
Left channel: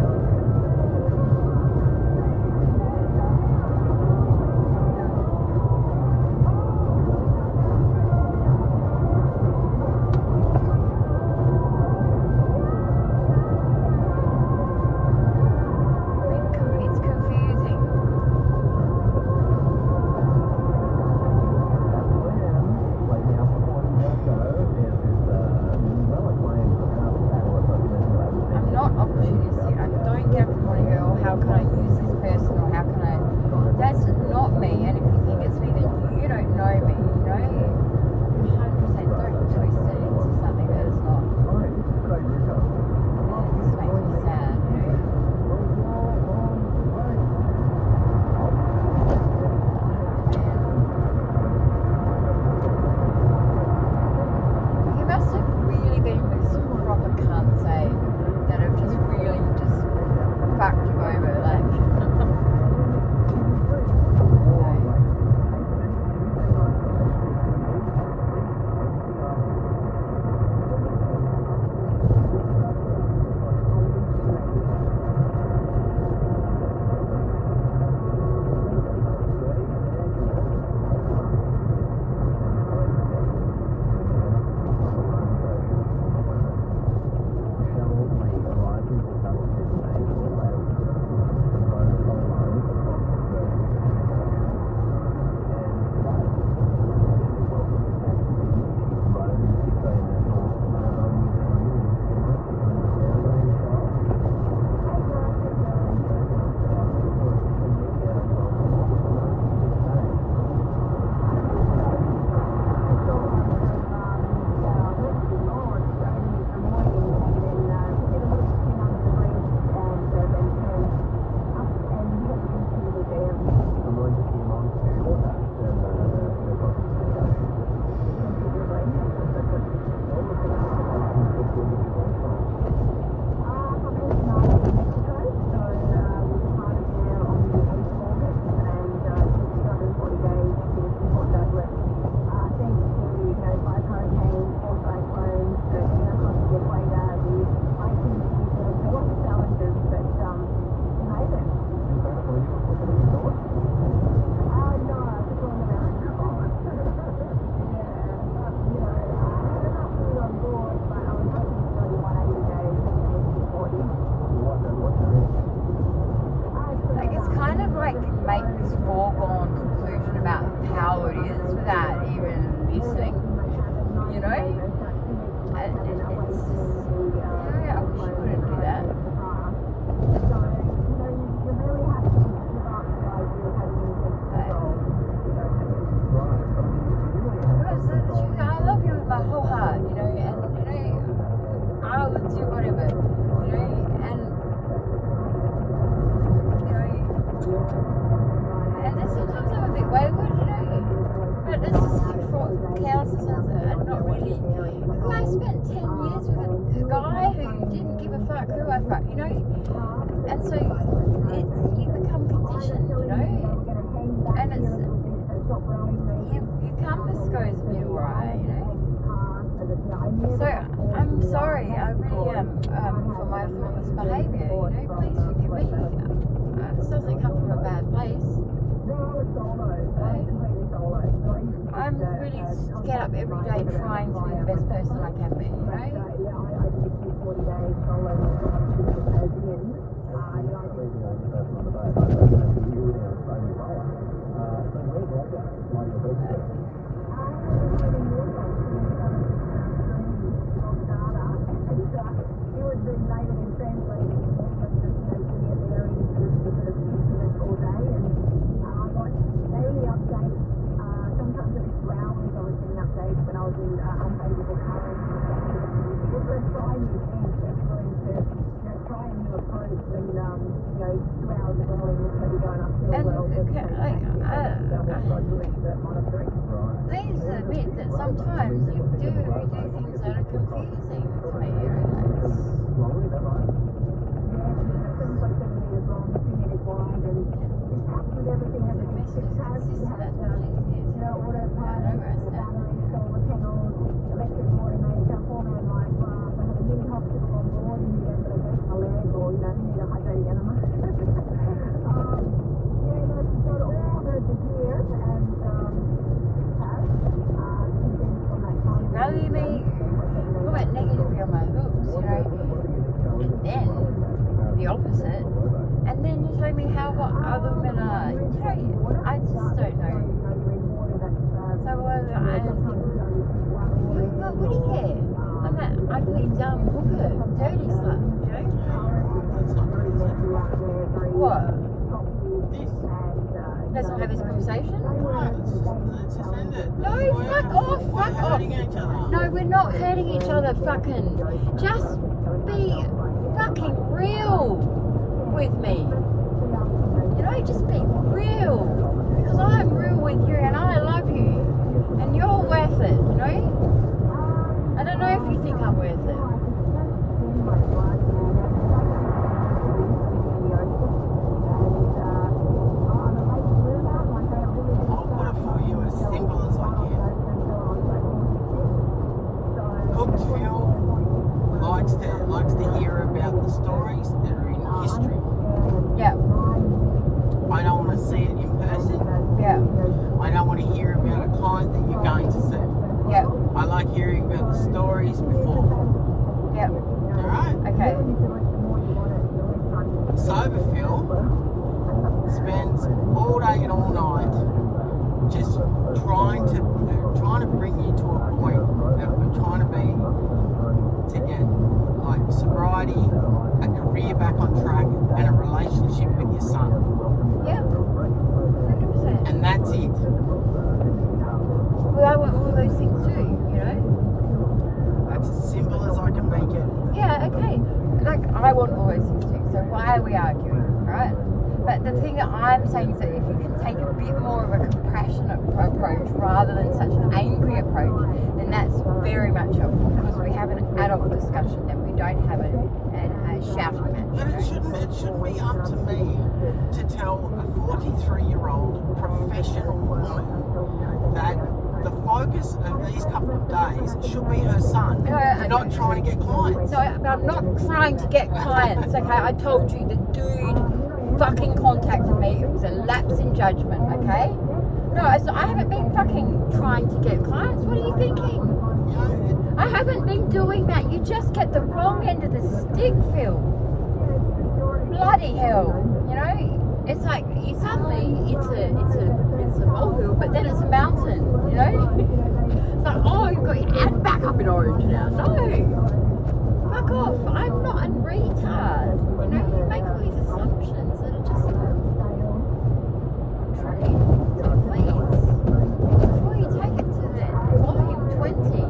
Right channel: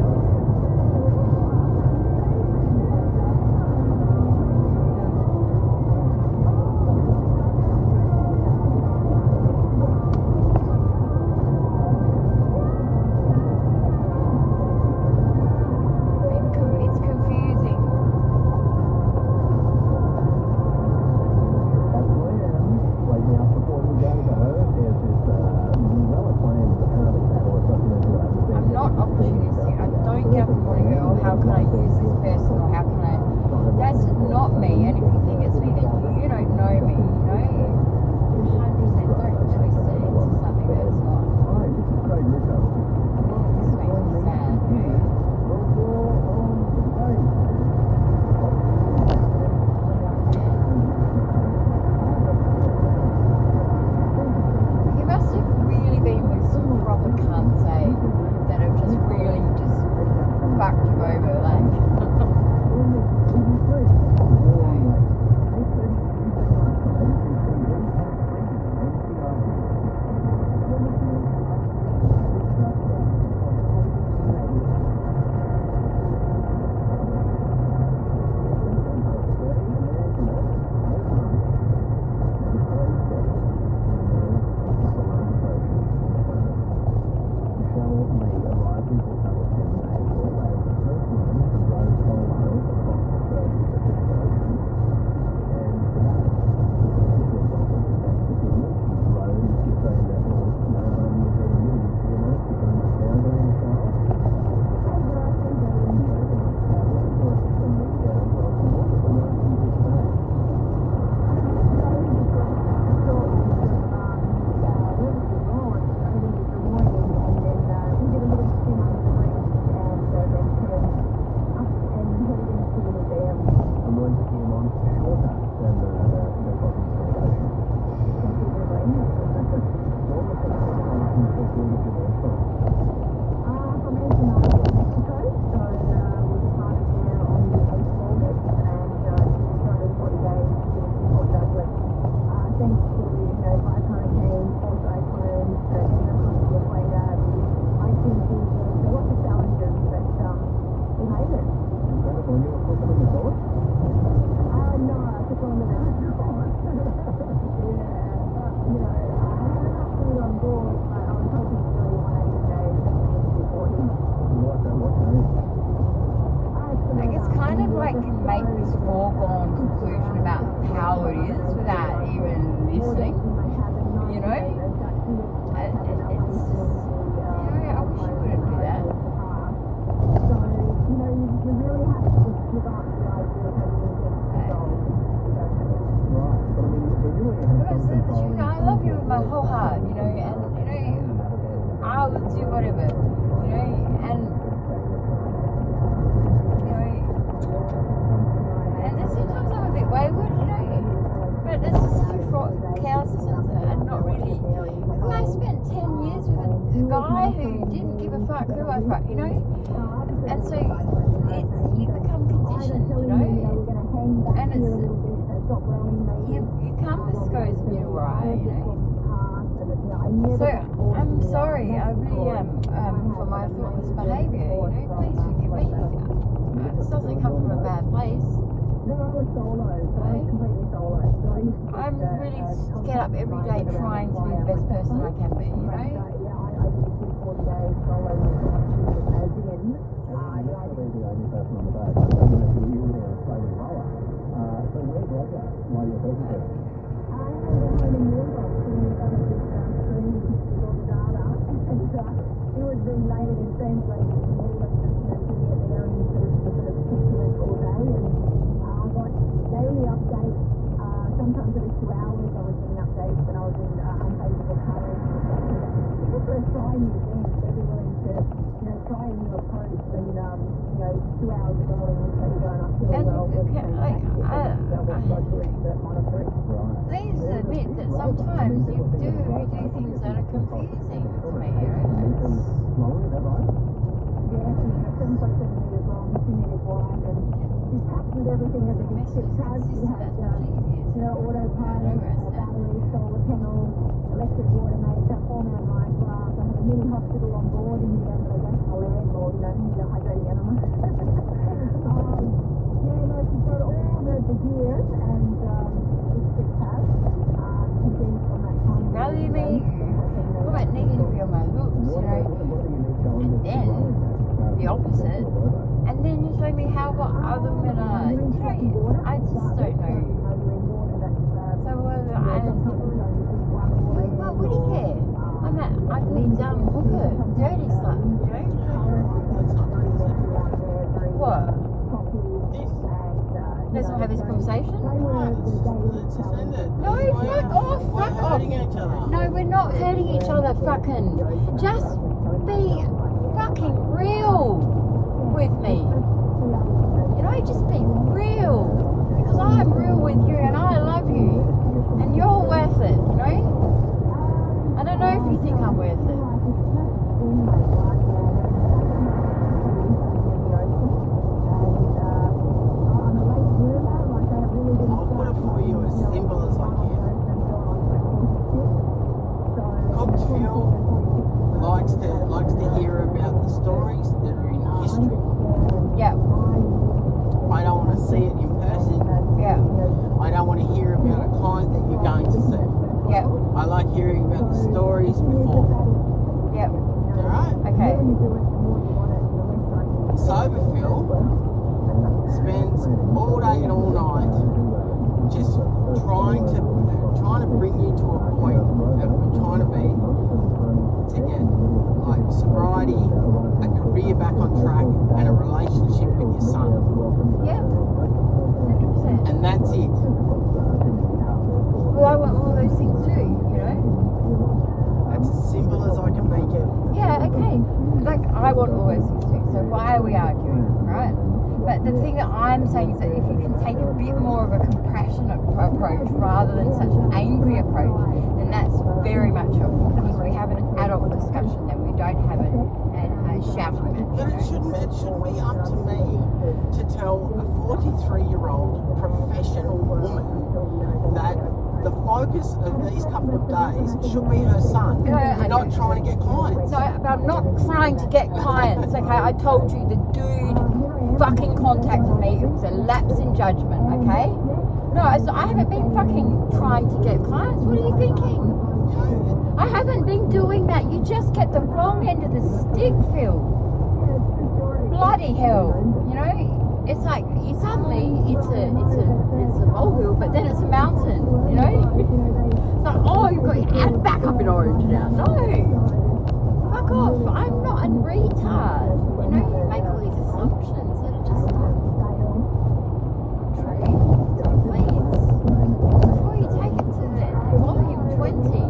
It's confusing. I'm not opportunistic. I'm fuck, you know? And so you become conditioned, you know? And you can't disclose me why, you know? So I'm sorry, I really am, for my thoughtless behaviour, you know? Please forgive me. This doesn't come from a bad place. I'm really get up every day trying to be the best person I can be, you know? Please admit that sometimes you do things that are confusing to me, you know? Value me, comment negatively on my looks, you know, and then the opposite, and then you show me how other women are, you know, I just don't know. So what do you care? I'm that ugly, dumb hooker, dirty slut, you know? What? Let's not have this conversation. No, fuck off, fuck off. No, we're not hurting each other, fucking. Just be fucking real with me. You know, just be real. Because I'm real with you and I love you. And you're worth it, you know? I don't know if you think I'm worth it. Likes to hear about the stories that are in history. Yeah. I don't want to see it in person. Yeah. I don't want to hear about a client that you're going to see. Yeah. I like hearing about the stories before. Yeah. Alright? Okay. Sober Phil spends all day and all night just trying to bring you to a point that we're trying to be to get like sobriety, a career back on track, and a relationship with your son. Yeah. 100%. And that's it. Well, I want all those things too, you know? That's as simple as I can make it. Yeah, okay. Like, I want all those things too, so why are we arguing, right? But the thing that I'm saying is that if you can take a bit more of a compassionate approach rather than such an angry approach, then that's very much helpful because we have an adult discussion and we don't have a shouting match. But it shouldn't be up to me to tell a 43-year-old professional woman that the focus of these couple of days should be her son, not trying to get clients. No, I'm not trying to get clients, okay? I told you the dude fucking contacted me. It was a lapse in judgment, okay? No, I haven't been fucking trying to get clients. What are you thinking? I haven't been doing that. You just get the wrong end of the stick, Phil. Bloody hell, you know? It's like suddenly it's a molehill, but then it's a mountain, you know? It's like, oh, you've got your hand back up in orange now. No, fuck off. I'm not a retard. You know, you make all these assumptions that are just not true. Please, before you take it to the volume 20,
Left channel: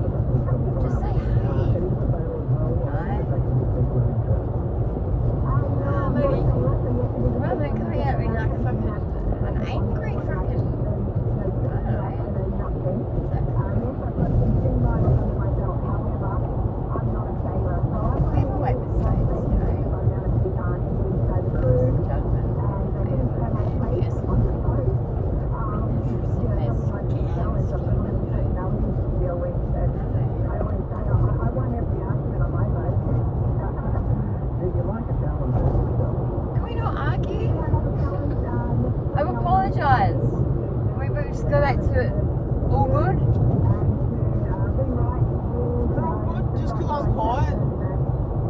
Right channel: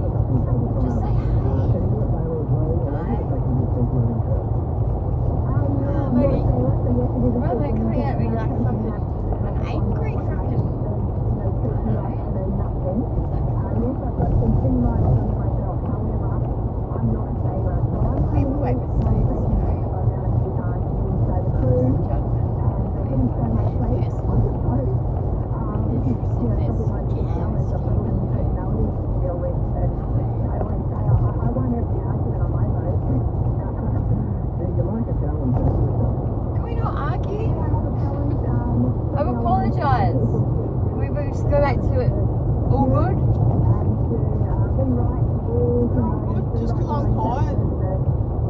just say hey. Rather than coming at me like fucking an angry fucking, I don't know. just go back to it. All good? Just because I'm quiet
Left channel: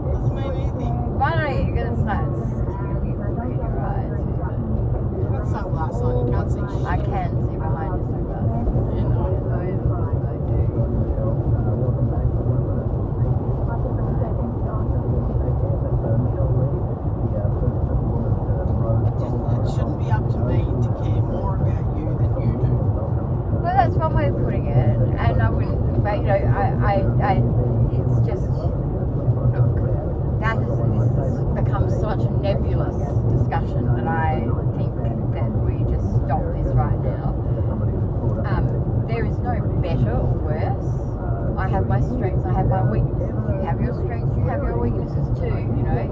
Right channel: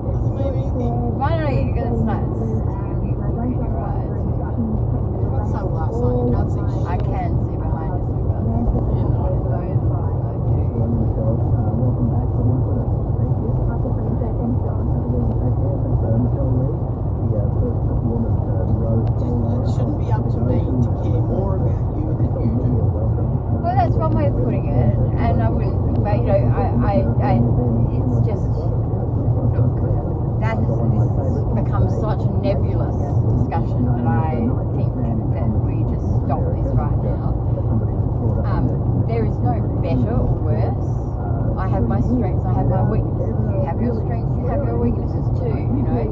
doesn't mean anything. Why don't you go start stealing your eyes? You've got sunglasses on, you can't see shit. I can see behind your sunglasses. You know. I do. It shouldn't be up to me to care more about you than you do. Well, that's one way of putting it, and I wouldn't, but you know, it's just, look, this has become such a nebulous discussion that I think that we just stop this right now. There is no better or worse. I have my strengths, I have my weaknesses. You have your strengths, you have your weaknesses too, you know.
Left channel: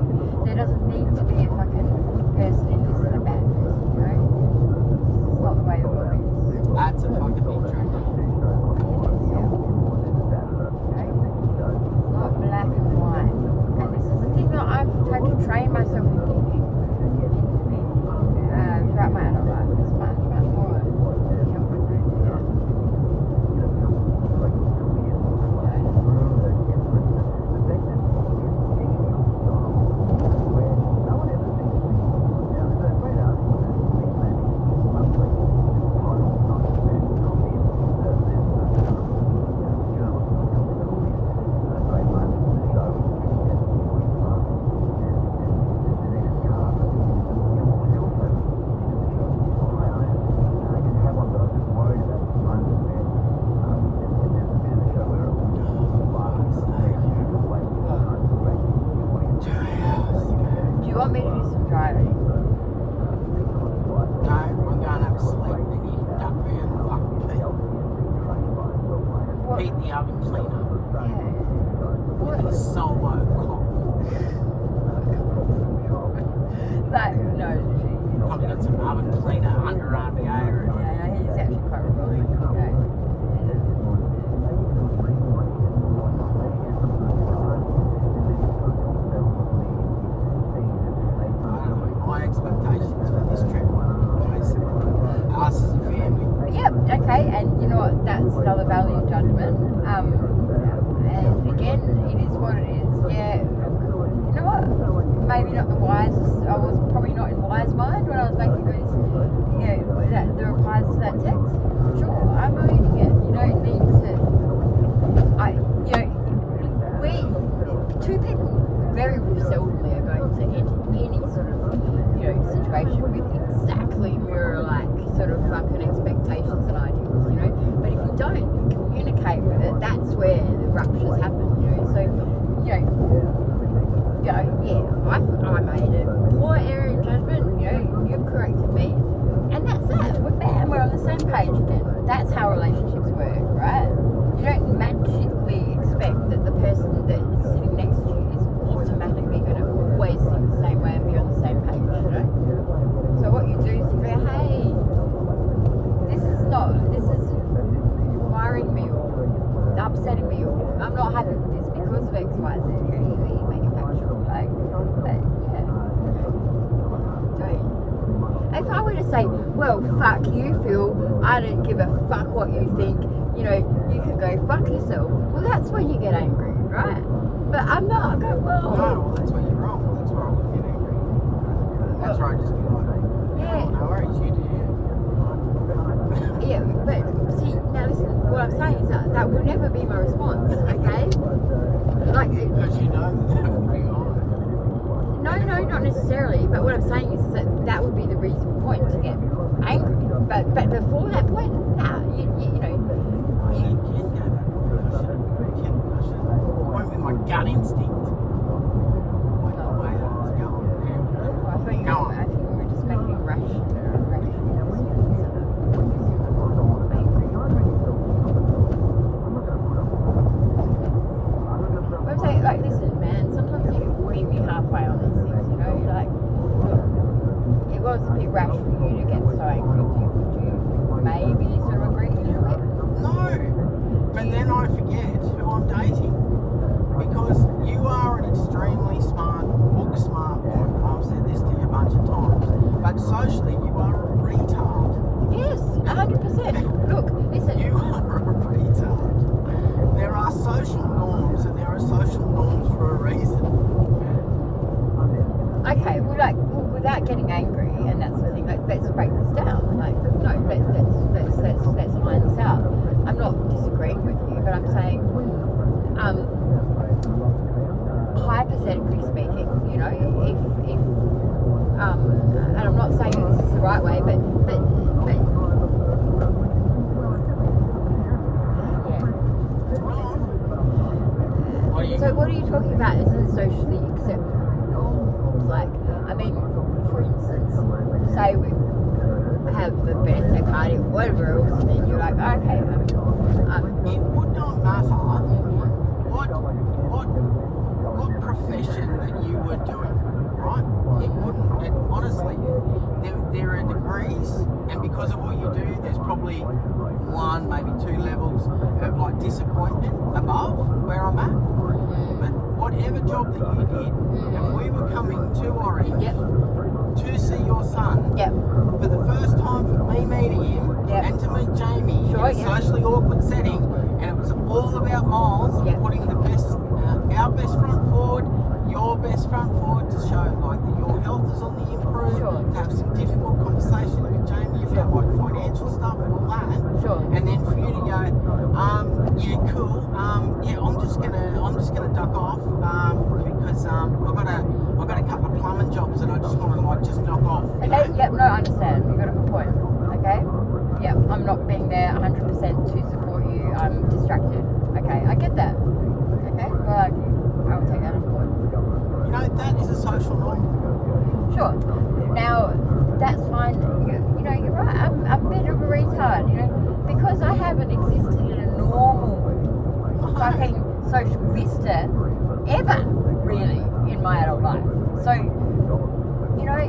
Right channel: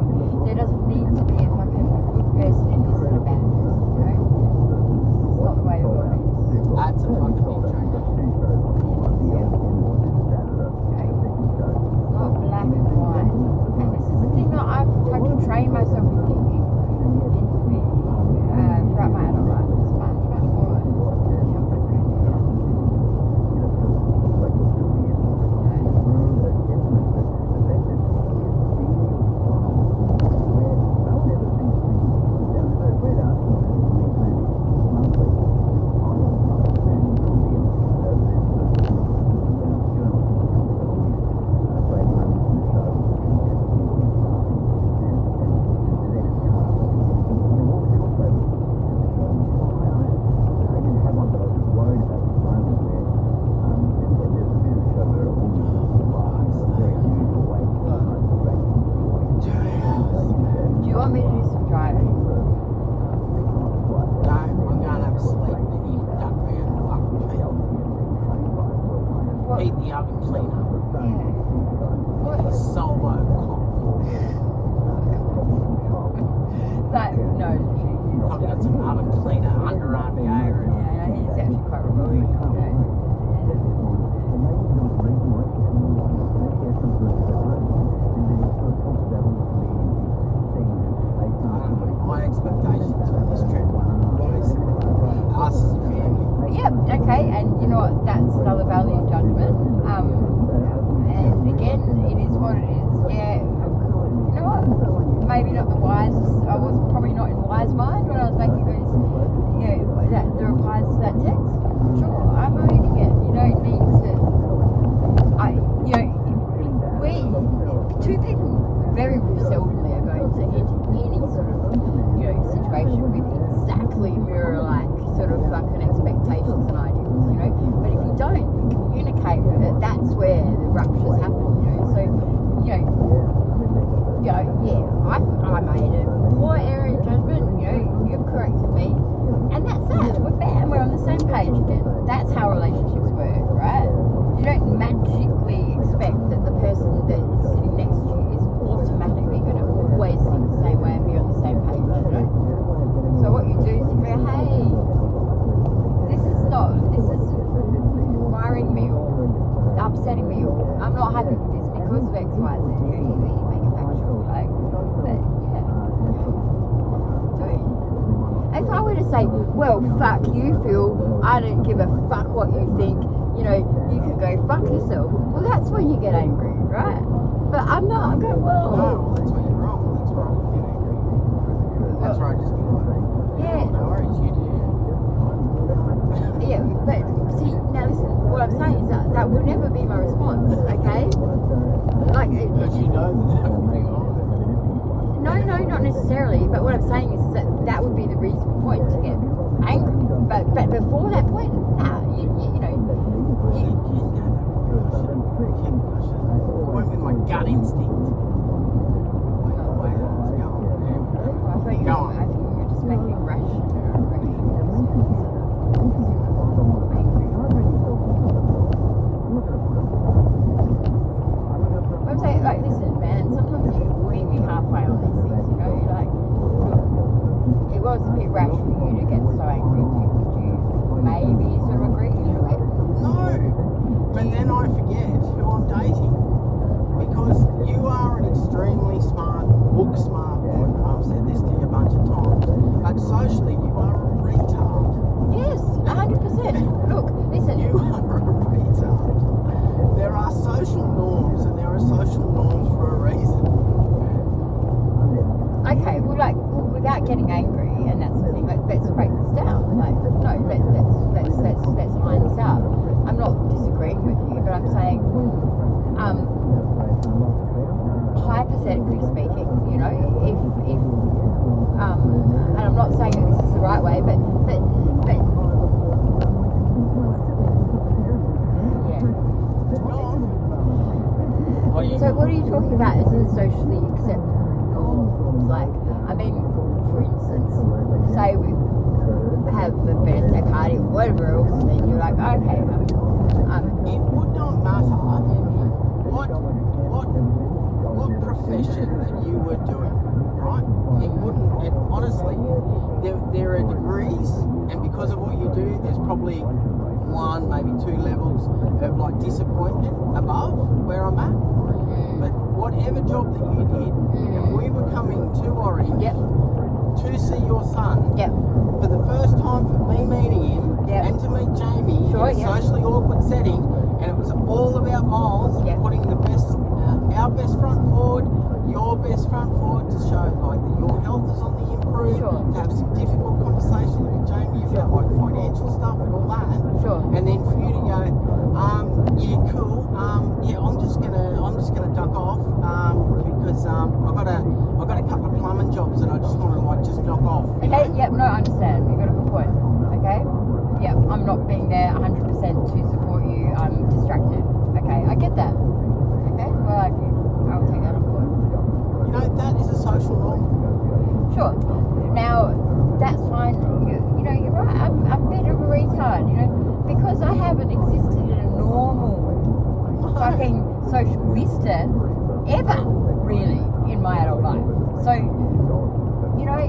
There doesn't need to be a fucking good person in this and a bad person, you know. It's not the way the world is. That's a fucking big joke. Not black and white. And this is the thing that I've had to train myself in thinking throughout my adult life. It's much more younger than I did. Do you want me to do some driving? No, I'm going to have a sleep and you duck me out the fucking What? Keep the oven cleaner. Yeah. It's solo cock. That, no. Probably got some oven cleaner underarm deodorant. Yeah, he's actually quite romantic. Okay. My expectations for this trip was us as a family. Yep, okay, and you know what, that's another value judgment. And again, it is what it is. Yeah, you know what? Maybe not the wisest. I was probably not in wise mind when I was making those, the replies to that text. Sure, I'm owning it. You don't need to. Two people very seldomly are going to enter any sort of, situation with exactly mirror-like sort of fucking expectations and ideals, you know. But if you don't communicate with it, that's where the ruptures happen, you know. So, I made a poor error in judgment, you've corrected me, and that's it. We're on the same page again. That's how relationships work, right? You don't magically expect that the person that is sitting next to you is automatically going to always think the same way and be on the same page, you know? So what you do is you go, hey, this is worrying me or upsetting me or I'm not happy with this because of X, Y, Z. You make it factual, but yeah. If I were to say, well, fuck you, Phil, I don't give a fuck what you think, you can go fuck yourself. Well, that's when you get angry, right? But I'm not. I go, well. No, that's when you're wrong. That's where I would get angry. That's where I just be like, Yeah. no worries, you do. Yeah, but see, now listen, what I'm saying is that would never be my response, okay? Like, Because you know that would be wrong. no, not necessarily, but what I'm saying is that would be the reasonable point to get angry. But before that point, nah, you know. Went with my gut instinct. Went the way that I was going. I think we were just making rational I'm saying, like, listen, man, sometimes you meet me halfway on these things, you're like, look, it was a bit rash for you to get so angry. You may Look, listen. You are a retard. There are social norms, and there are social norms for a reason. Okay, well, like, without getting angry and that sort of thing, like, let's break this down. Like, no, let's line this out. I'm not disagreeing with you, but I'm saying, hypothetically speaking, you know, if and I'm not saying that this is the right way, but yeah. So what are you talking about as a socially acceptable? Like, I mean, for instance, say we have a birthday party or whatever else, and then you're like, okay, it would not matter what profession that you were doing, right? It wouldn't. It, honestly, there are degrees, and because of what you do, there's probably 1, maybe 2 levels of like disappointment above where I'm at. But whatever job that you did, if we were coming to Orange to see your son for the first time, for me meeting him and to meet Jamie in a socially awkward setting, and it was all about Miles putting the best, our best front forward, your best front forward, to show like that your health is on the improve, to have some difficult conversations with Jamie about like financial stuff and all that, and then for you to go, yeah, cool, yeah, I'm just gonna duck off, because I've got a couple of plumbing jobs that I just want to like just knock off. Okay, yep, no, I understand. You've got a good point. Okay? Yep, I'm not being there 100% to support you. I'm distracted. Okay, I get that. Okay, well, I'll take that on board. You know, that is a social norm. Sure. Now, that's fine. You know, you're right. I'm a bit of a retard, you know, because I haven't existed in a normal fucking social vista ever, really, in my adult life. So, you know,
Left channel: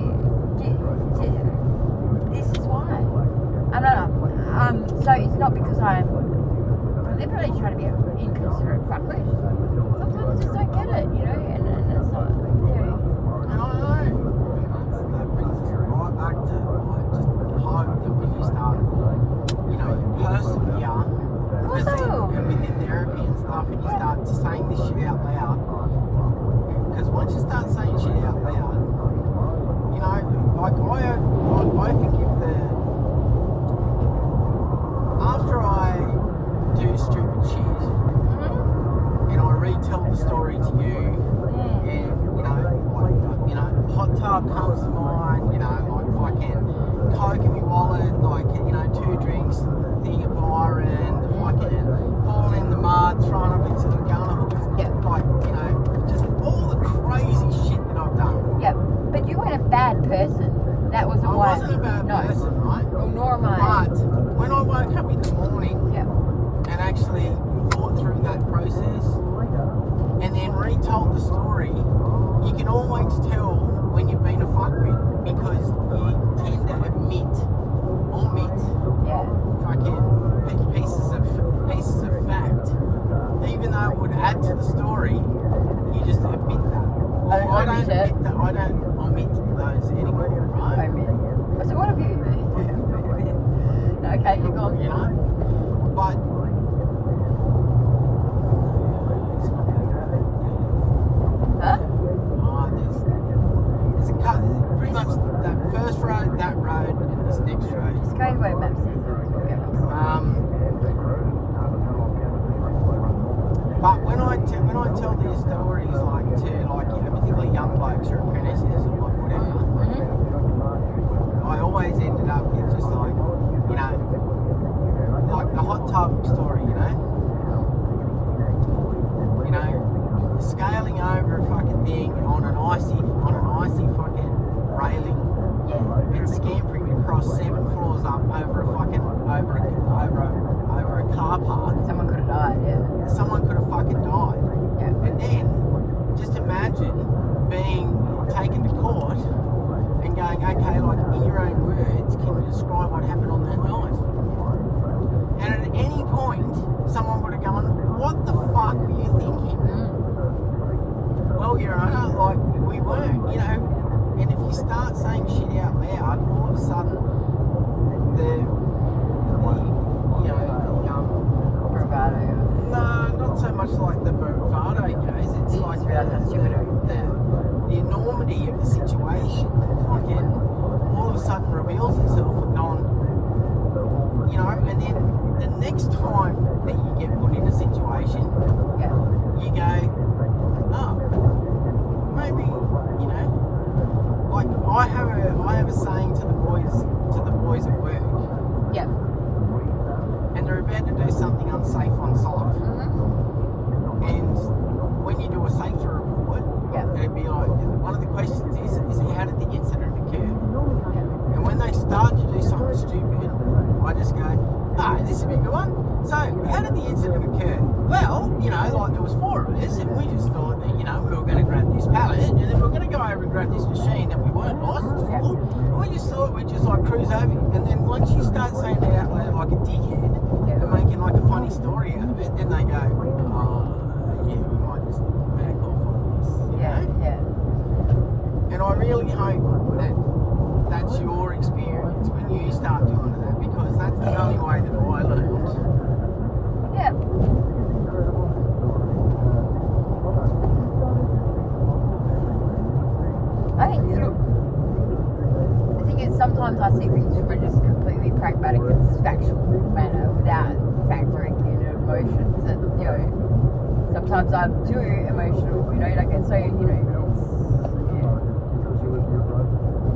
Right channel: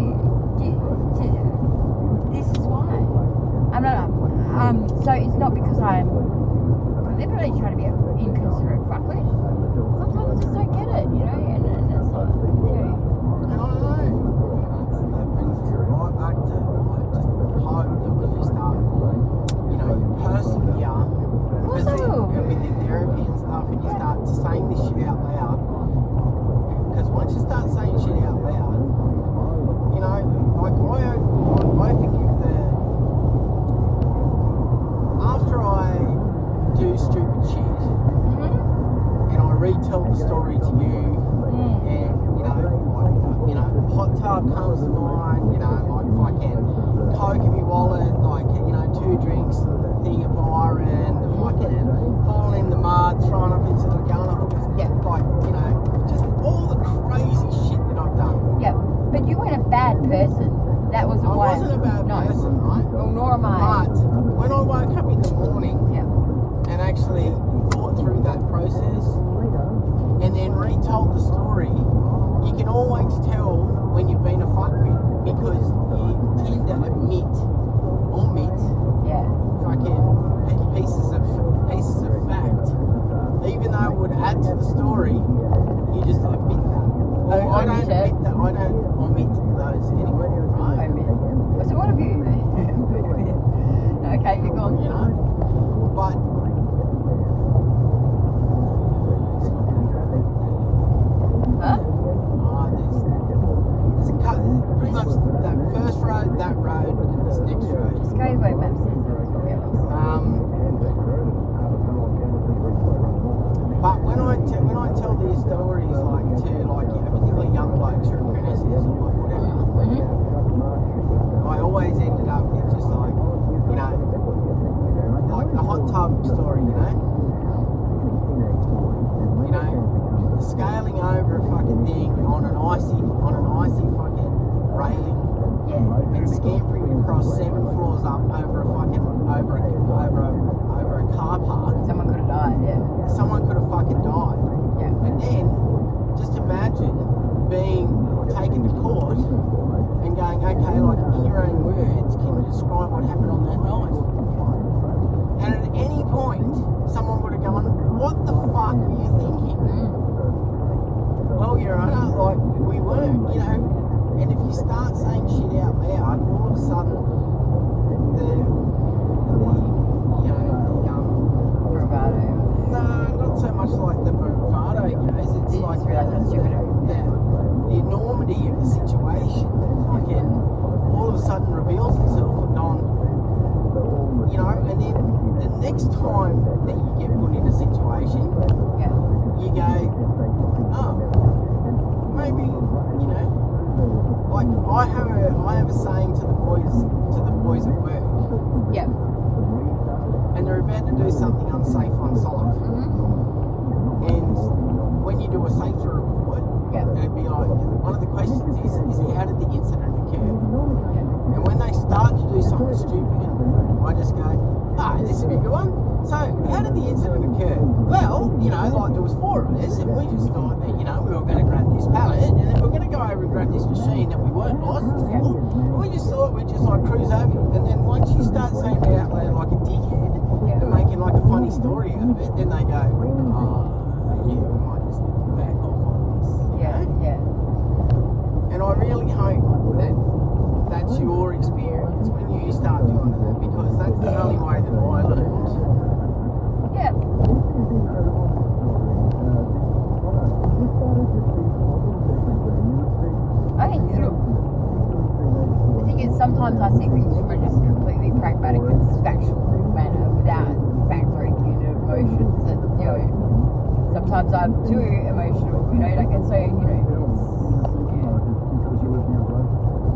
this is why. So it's not because I'm deliberately trying to be an inconsiderate fuckwit. Sometimes I just don't get it, you know, and it's not, you know. And I know. That brings us right back to like just hope that when you start, you know, persevere with your therapy and stuff, and you start saying this shit out loud. Because once you start saying shit out loud, you know, like I think if after I do stupid shit and I retell the story to you, and you know, hot tub comes to mind, you know, like fucking coke in my wallet, like, you know, 2 drinks, thing of Byron, the fucking falling in the mud, throwing up into the gun, like, you know, just all the crazy shit that I've done. Yeah, but you weren't a bad person. That wasn't why. I wasn't a bad person, right? Well, nor am I. But when I woke up in the morning and actually thought through that process and then retold the story, you can always tell when you've been a fuckwit because you tend to omit fucking pieces of fact. Even though it would add to the story, you just omit that. Well, I don't omit those anymore, right? So what have you? Okay, you're gone. You know? But there's a cut. Pretty much that first road, that road, and this next road. Just go away, Maps. But when I tell these stories, like to like, you know, particularly young blokes or apprentices or whatever, I always ended up with just like, you know, like the hot tub story, you know, scaling over a fucking thing on an icy fucking railing, and scampering across 7 floors up over a car park. Someone could have died. Someone could have fucking died. And then just imagine being taken to court and going, okay, like in your own words, can you describe what happened on that night? And at any point, someone would have gone, what the fuck were you thinking? Well, Your Honour, like, we weren't, you know, and if you start saying shit out loud, all of a sudden, the next time that you get put in a situation, Yeah. you go, oh, maybe, you know, like I have a saying to the boys at work, Yeah. and they're about to do something unsafe on site. Mm-hmm. And when you do a safety report, Yeah. it'd be like, one of the questions is how did the incident occur? Yeah. And when they start to do something stupid, I just go, this would be a good one. So, how did the incident occur? Well, you know, like there was 4 of us, and we just thought that, you know, we were going to grab this pallet, and then we were going to go over and grab this machine that we weren't licensed for. And we just thought we'd just like cruise over. And then once you start saying that out loud like a dickhead, and making like a funny story out of it, then they go, yeah, we might just back off on this. You know? Yeah. And I really hope that that's your experience when you start doing that, because that's the only way that I learned. Yeah. I think the thing is, sometimes I see things from a just completely pragmatic and factual manner without factoring in emotions, and you know, sometimes I'm too emotional, you know, like it's so, you know,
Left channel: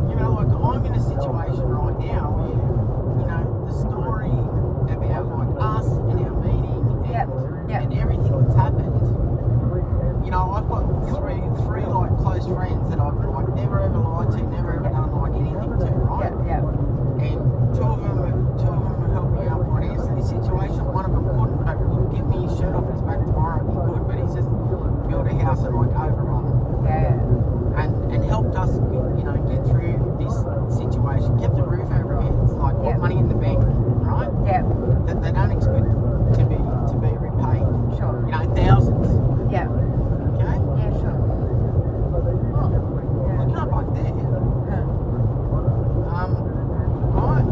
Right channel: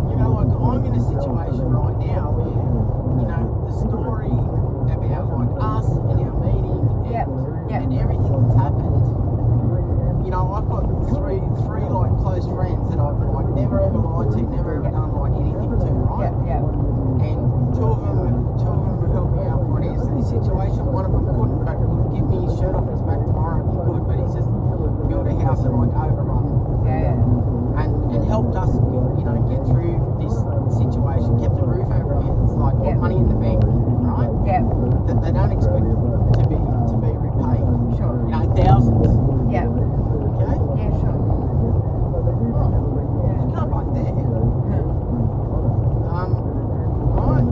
You know, like I'm in a situation right now where, you know, the story about like us and our meeting and everything that's happened, you know, I've got three like close friends that I've like never ever lied to, never ever done like anything to, right? yeah. And two of them have helped me out financially in this situation. One of them couldn't, but would give me his shirt off his back tomorrow if he could, but he's just built a house and like overrun it. Yeah. And helped us, you know, get through this situation, kept a roof over our heads, like put money in the bank, right? Yeah. That they don't expect to be repaid. Sure. You know, thousands. Yeah. Okay? Yeah, sure. Oh, Yeah. you can't like that. Huh. Right.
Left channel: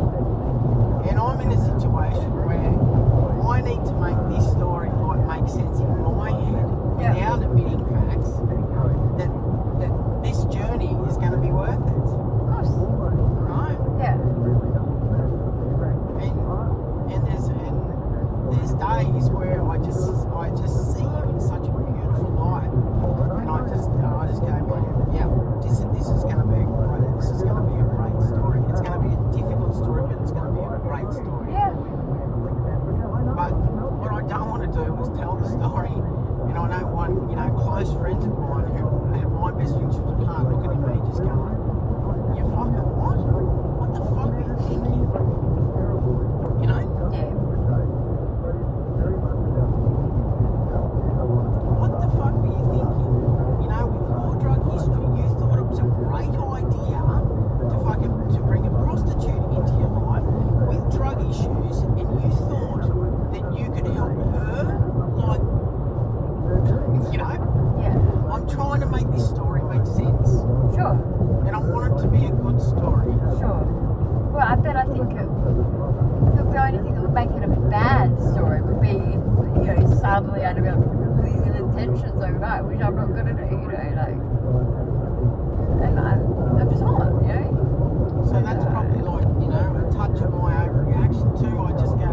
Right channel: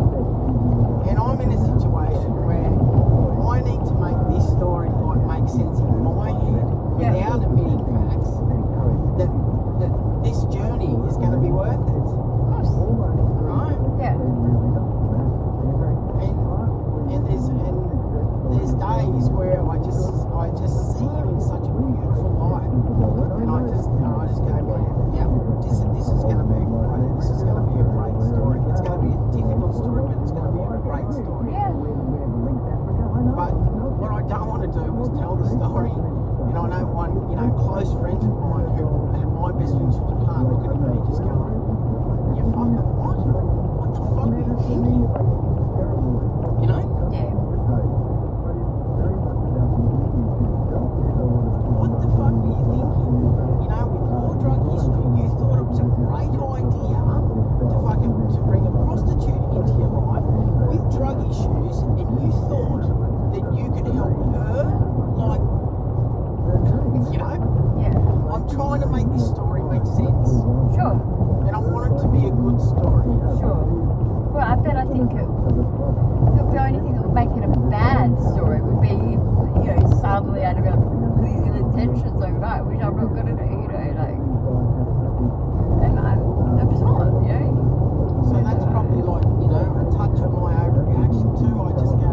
And I'm in a situation where I need to make this story like make sense in my head without admitting facts that this journey is going to be worth it. Of course. Right? Yeah. And there's days where I just see him in such a beautiful light, and I just go, man, yeah, this is going to be great. This is going to be a great story. It's going to be a difficult story, but it's going to be a great story. Yeah. But what I don't want to do is tell the story. You know, I know one, you know, close friends of mine who have my best interests at heart looking at me just going, you fucking what? What the fuck are you thinking? You know? Yeah. What the fuck were you thinking? You know, with your drug history, you thought it was a great idea to bring a prostitute into your life with drug issues, and you thought that you could help her, like, you know? Yeah. I'm trying to make this story make sense, Sure. and I want it to be a good story. Sure. Well, I think the only thing that would make it a bad story would be if, you know, suddenly I develop pleasing intentions overnight, which I'm not going to do, you know, like, and I'm just not, you know. So that's probably like, you know, a touch of my overreaction too. I just go,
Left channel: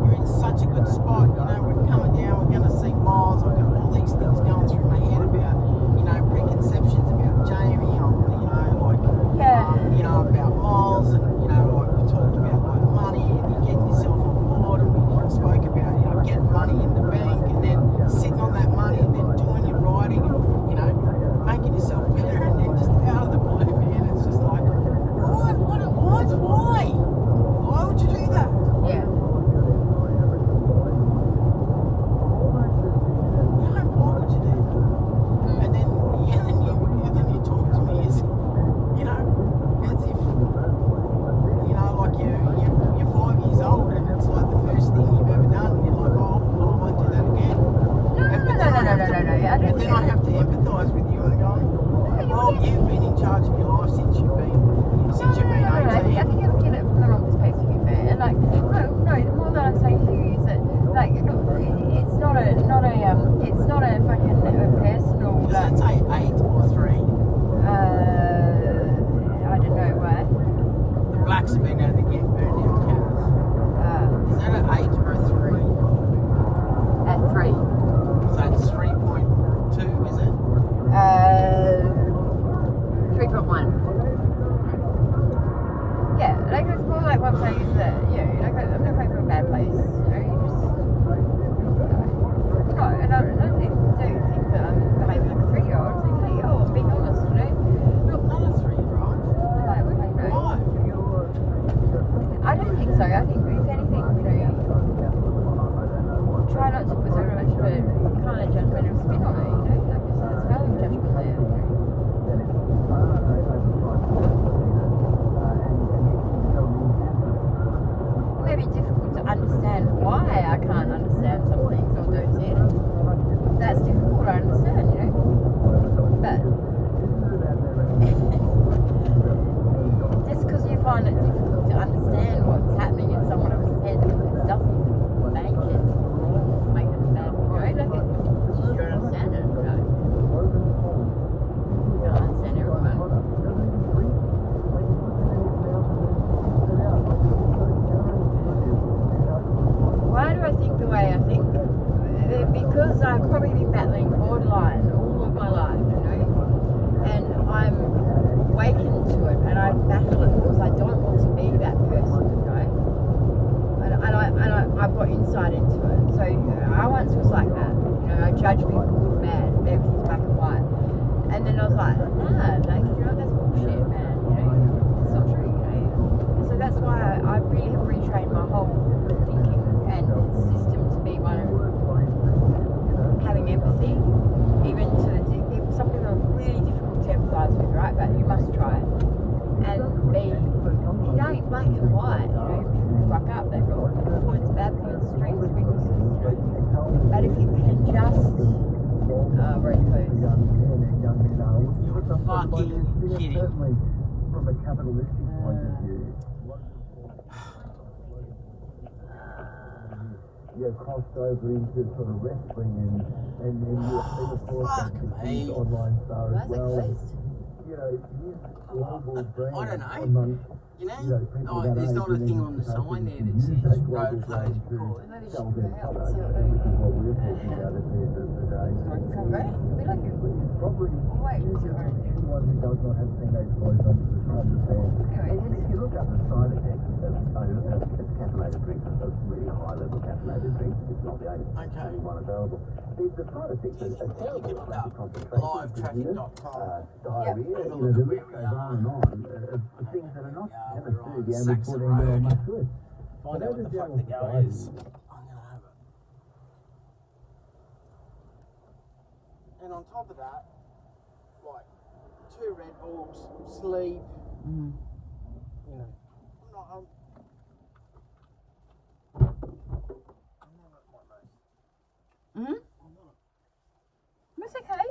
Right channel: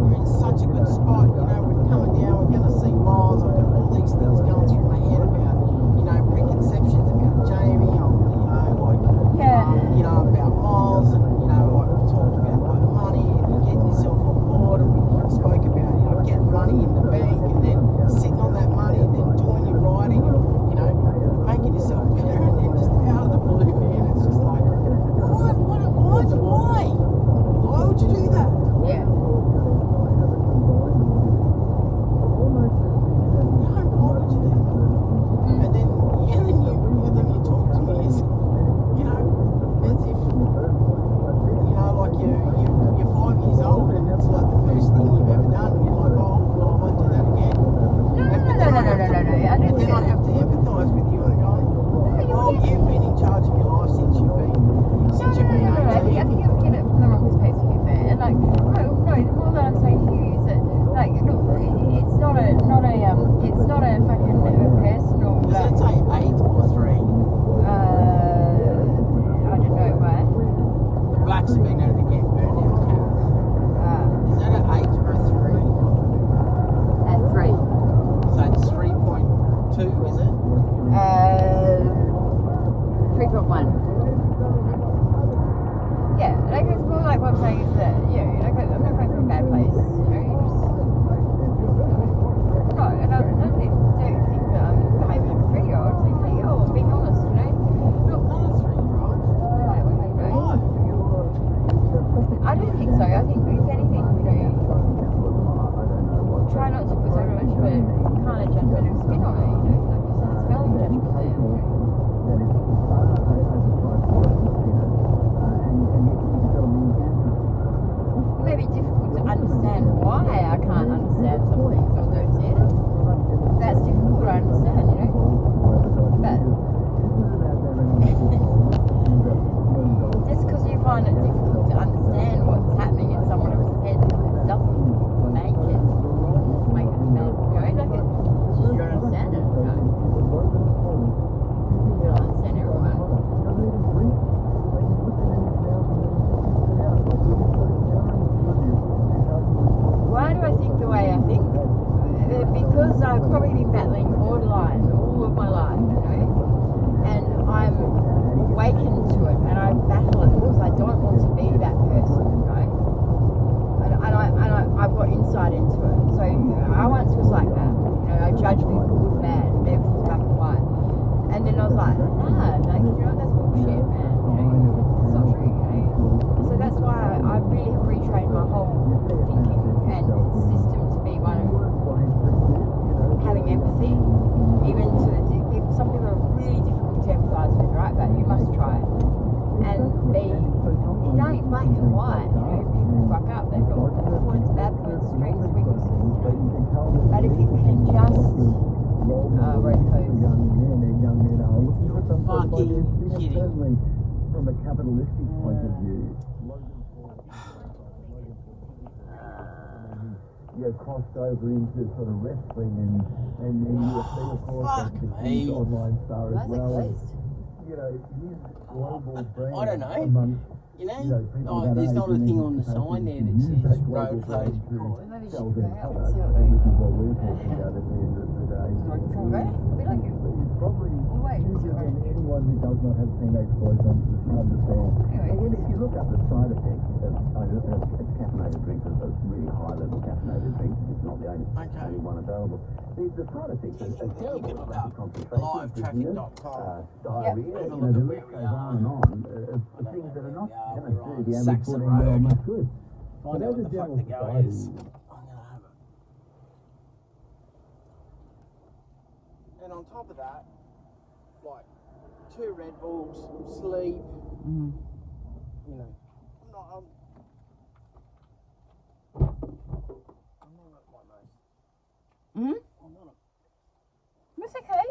we're in such a good spot, you know, we're coming down, we're going to see Miles, I've got all these things going through my head about, you know, preconceptions about Jamie, you know, like, you know, about Miles, and, you know, like we talked about like money, and you getting yourself on board, and we spoke about, you know, getting money in the bank, and then sitting on that money, and then doing your writing, and, you know, making judgmental spin on it, you know? There's value judgment there, you know? It may be difficult to understand why I can't understand some things or don't see it. That's difficult to understand, you know? But just because you find it difficult to understand what's happening in someone else's head, it doesn't make it wrong or make it bad, you know? Like it, you don't understand it, you know? You don't understand everyone. Why do I think the way I think? Because I've probably been battling borderline all of my life, you know, and I'm awakened to it, and I battle it because I don't want to be that person, you know, and I've got insight into it. So I once was like that, you know, I judge people good bad, everything's black and white, and then I was like, nah, like, you know, that's bullshit, man, you know, it's not true, you know. So that's why I really have retrained my whole thinking and system to be one of having empathy, even to some people are really difficult to empathise with, right? But you must try it. And be, you know, black and white, you know, people fuck up, they've got good points, bad points, strengths, weaknesses, you know. But if you can just road codes. Fucking kidding. From a capitalistic point of view, crossed over into sort of wrestling and UFC, of course, and his online star as well. And, you know, his global brand. I don't know. Amongst, You know, people that there's age not a and thing then on the sign there that use says that road global code. brand to Maybe sell she their can products, help, and which is what we're talking about at the end of the day. Right? We like you. Probably Oh, wait, easier sorry. than anyone who does not have teenage boys understand. Anyway. And then if you look at the side effects of caffeinated drinks, a really high level caffeinated drinks, it's not the only one available. The side effects are terrible. Lack of concentration, dizziness, diarrhea, Have a you know, look the at where list we goes are. on and on of things that are not going to do the average Saxon 14-year-old Road. much good. So Find out there's what a the fuck general the go society. is. I'm gonna have it. And on top of that, like 2 Red Bulls, sleep, you know. That's okay.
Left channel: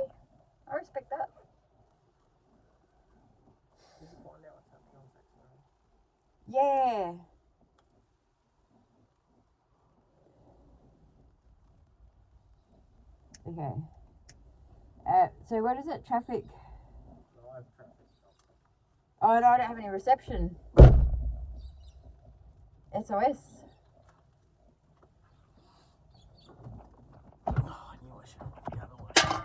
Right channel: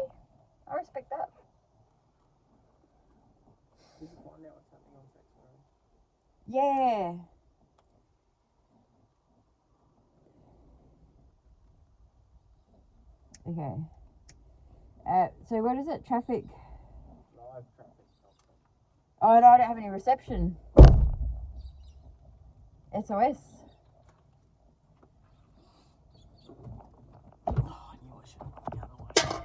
I respect that. Yeah. Okay. So what is it? Traffic? Live traffic. Oh no, I don't have any reception. SOS. Oh, I knew I should have gone the other way.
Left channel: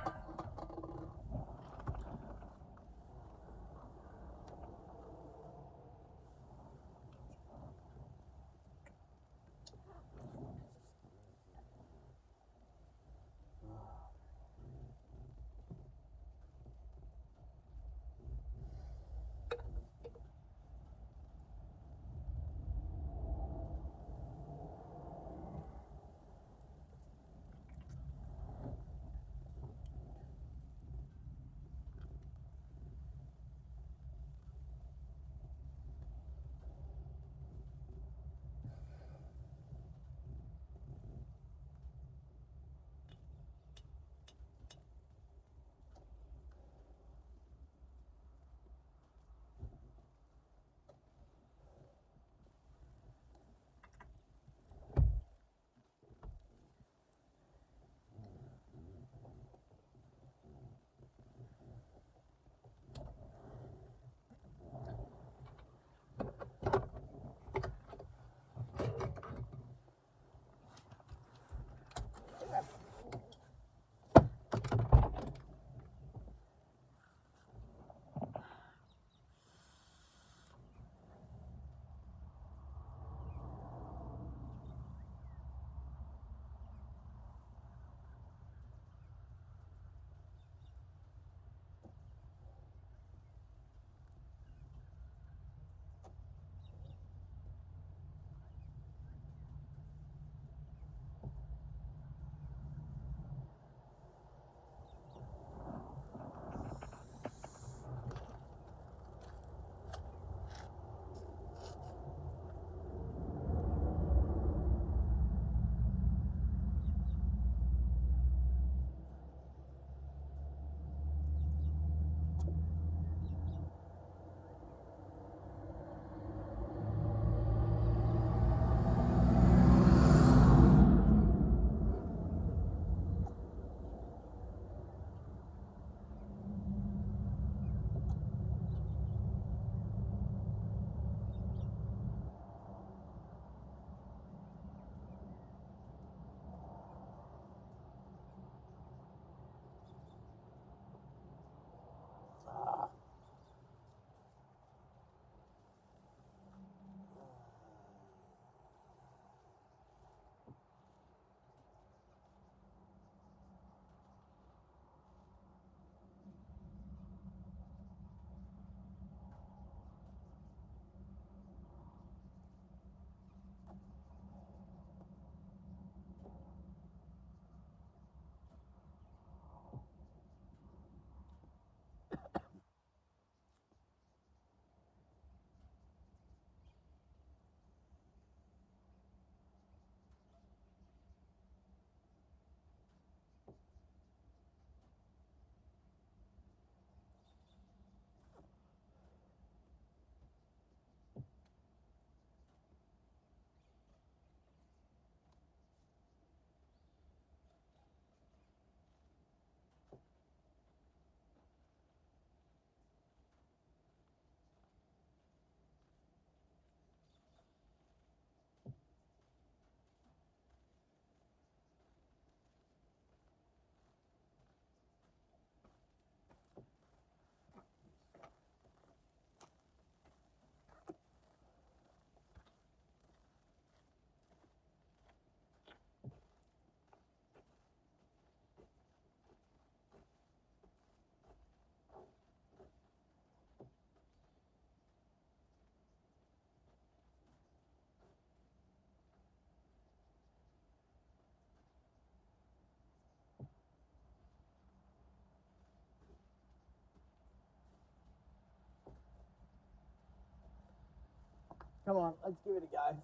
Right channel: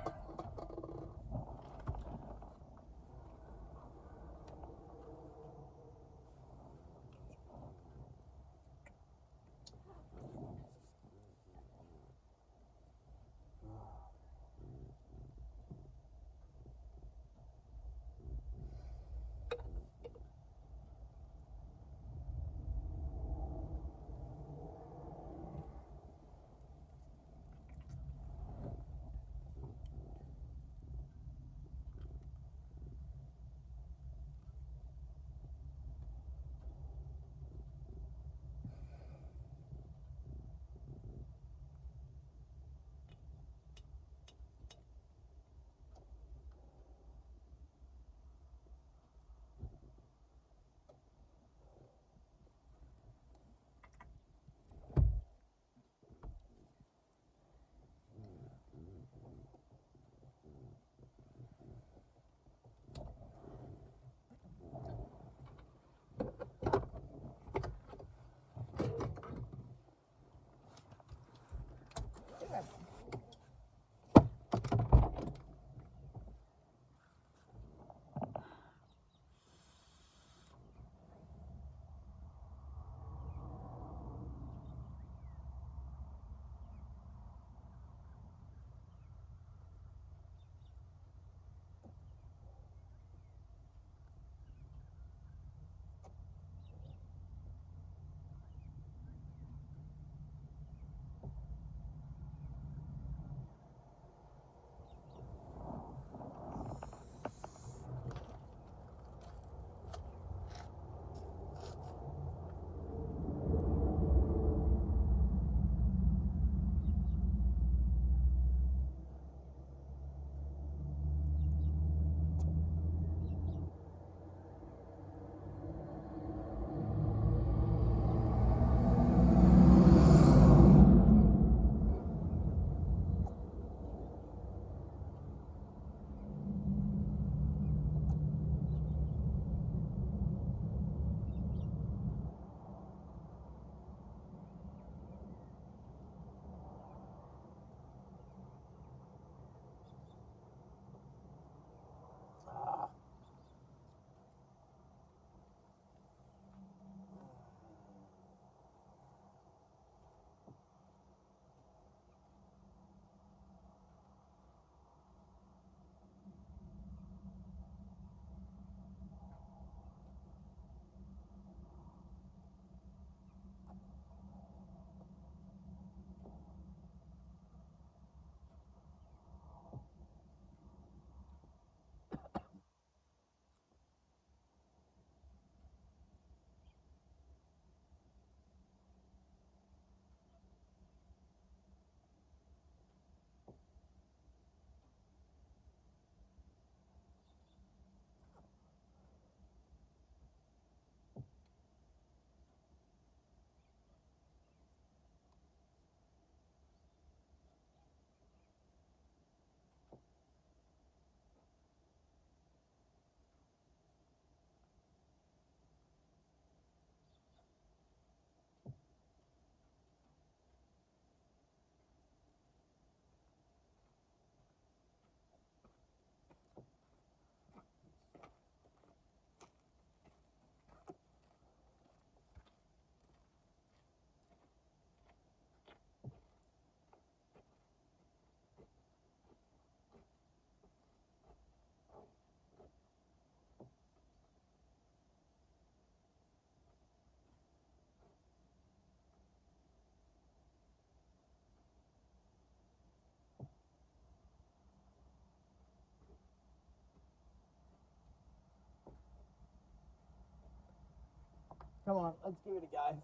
Come on, let's give it a go.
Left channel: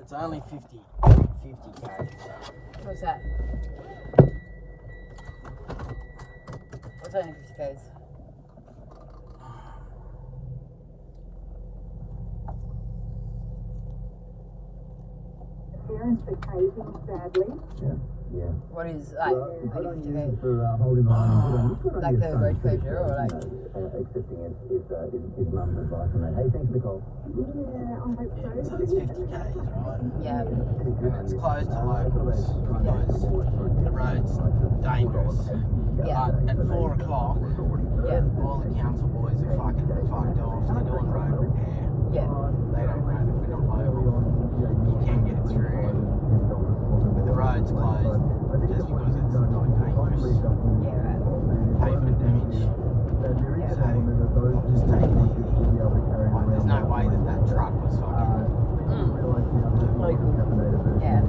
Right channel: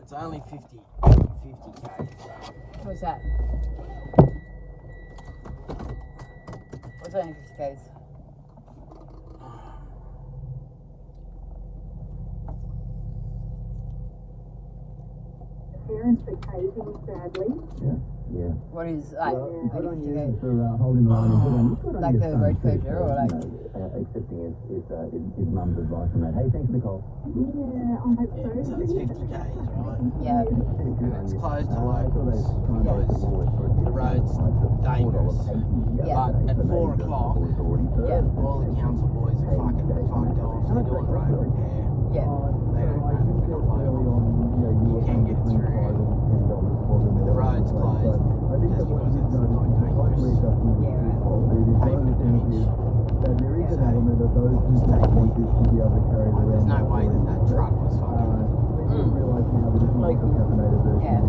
It's only 50 k's. What's that? What's only 50 k's? Parents for caving, sadly. Yeah. What is like Well, good on 50 you k's? for holding the line and good on Like your the son, road too, closure for, or like- accepting his mum's advice on that. Hey, thanks for the call. Yeah, I hope so. So it's 50 k's, right? Yeah. And it's closed to locals Yeah. because the road's dangerous. Yeah. But at 4 o'clock, Yeah. all the council boys are fucking fucked off. They're doing road repair. Yeah. They don't know that we're not local. You can get through. But the road's closed just because it's not dangerous. Yeah, right. Pavement damage. Yeah. So we'll just take it easy. Like, there's no way that truck was fucking. Yeah.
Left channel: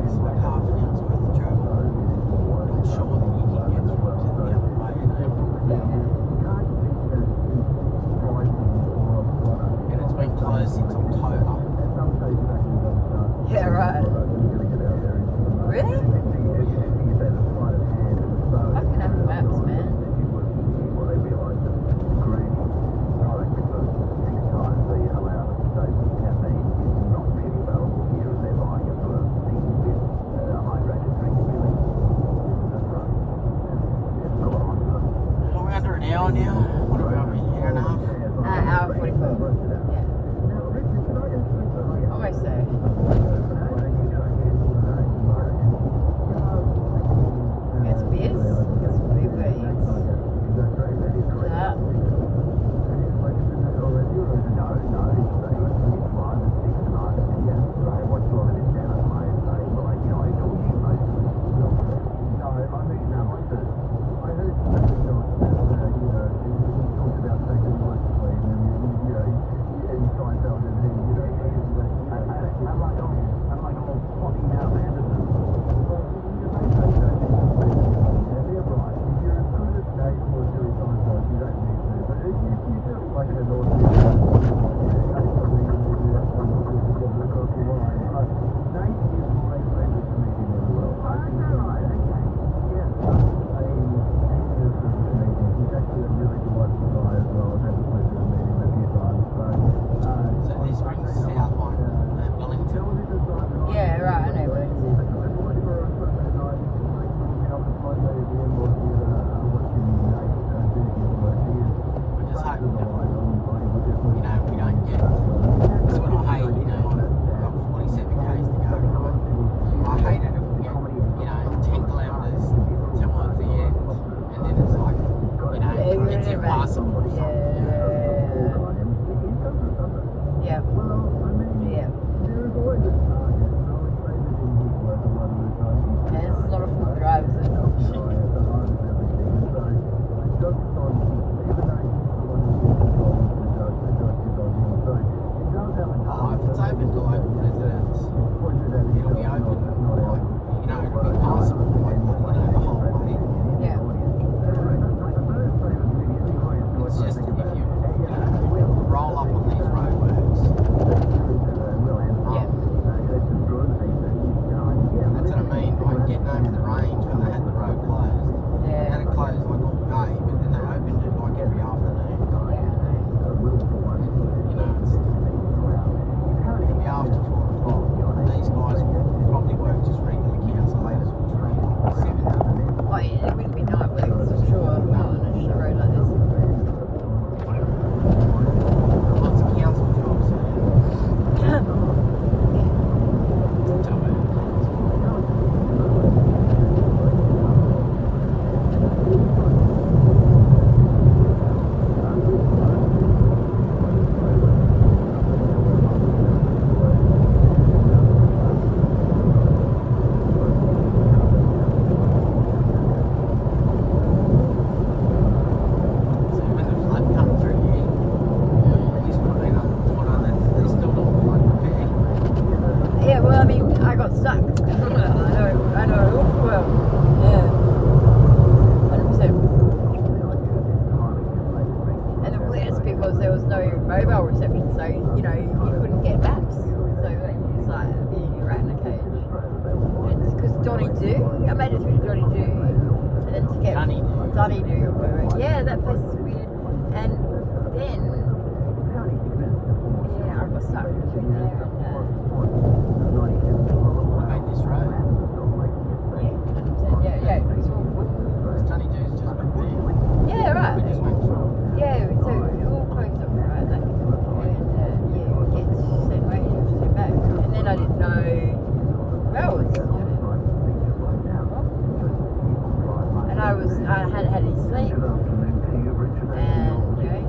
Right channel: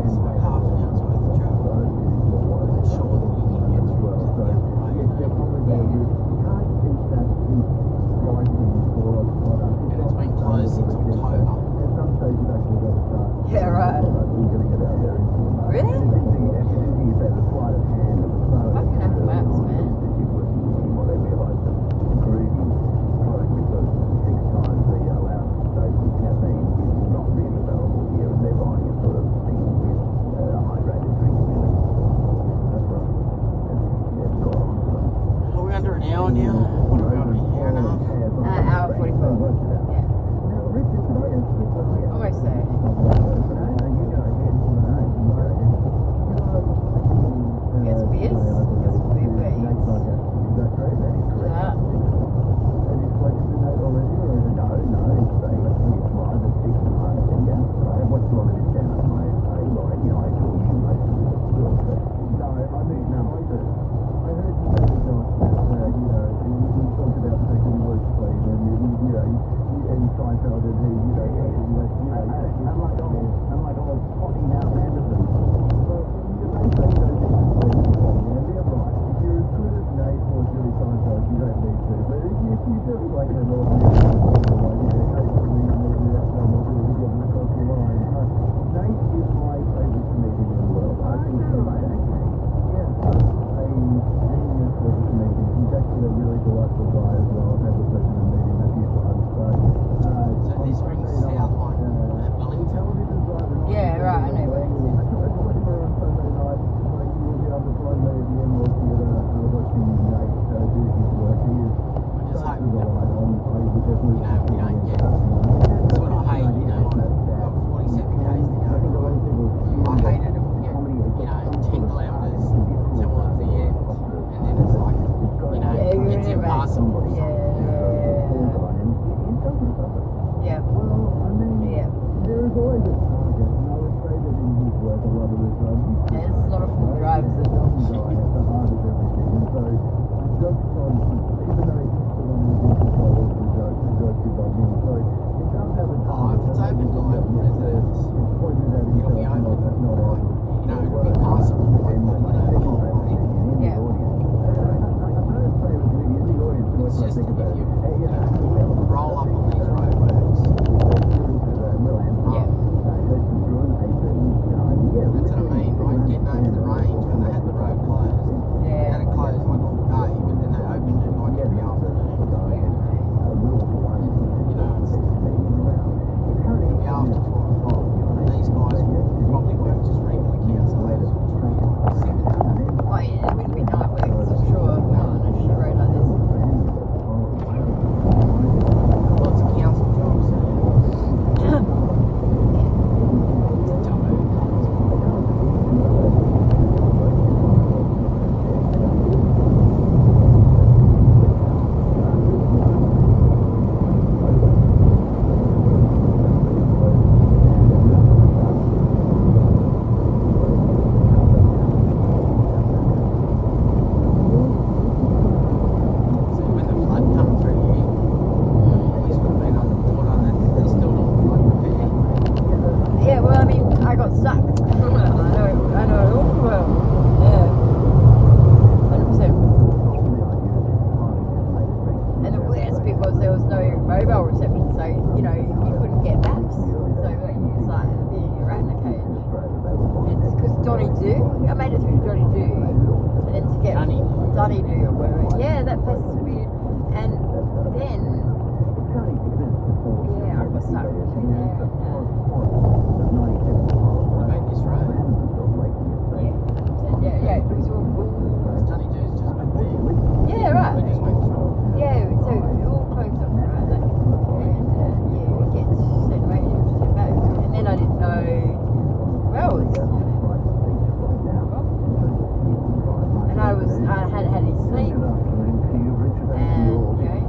It's like half an hour's worth of travel. I'm sure that you can get through to the other way. Yeah. Johnny Do. I made it through to Johnny Do, and then to get Johnny Do or whatever. Yeah, that place is weird. And then, yeah, I got stuck between there and made this road. yeah. It was Johnny Do's just back there. yeah, right. We just went through. Yeah, so it all closed up around that. And yeah, you get sent away and you have to sit back. And then I didn't know roads. And I hadn't had any sleep. And, you know,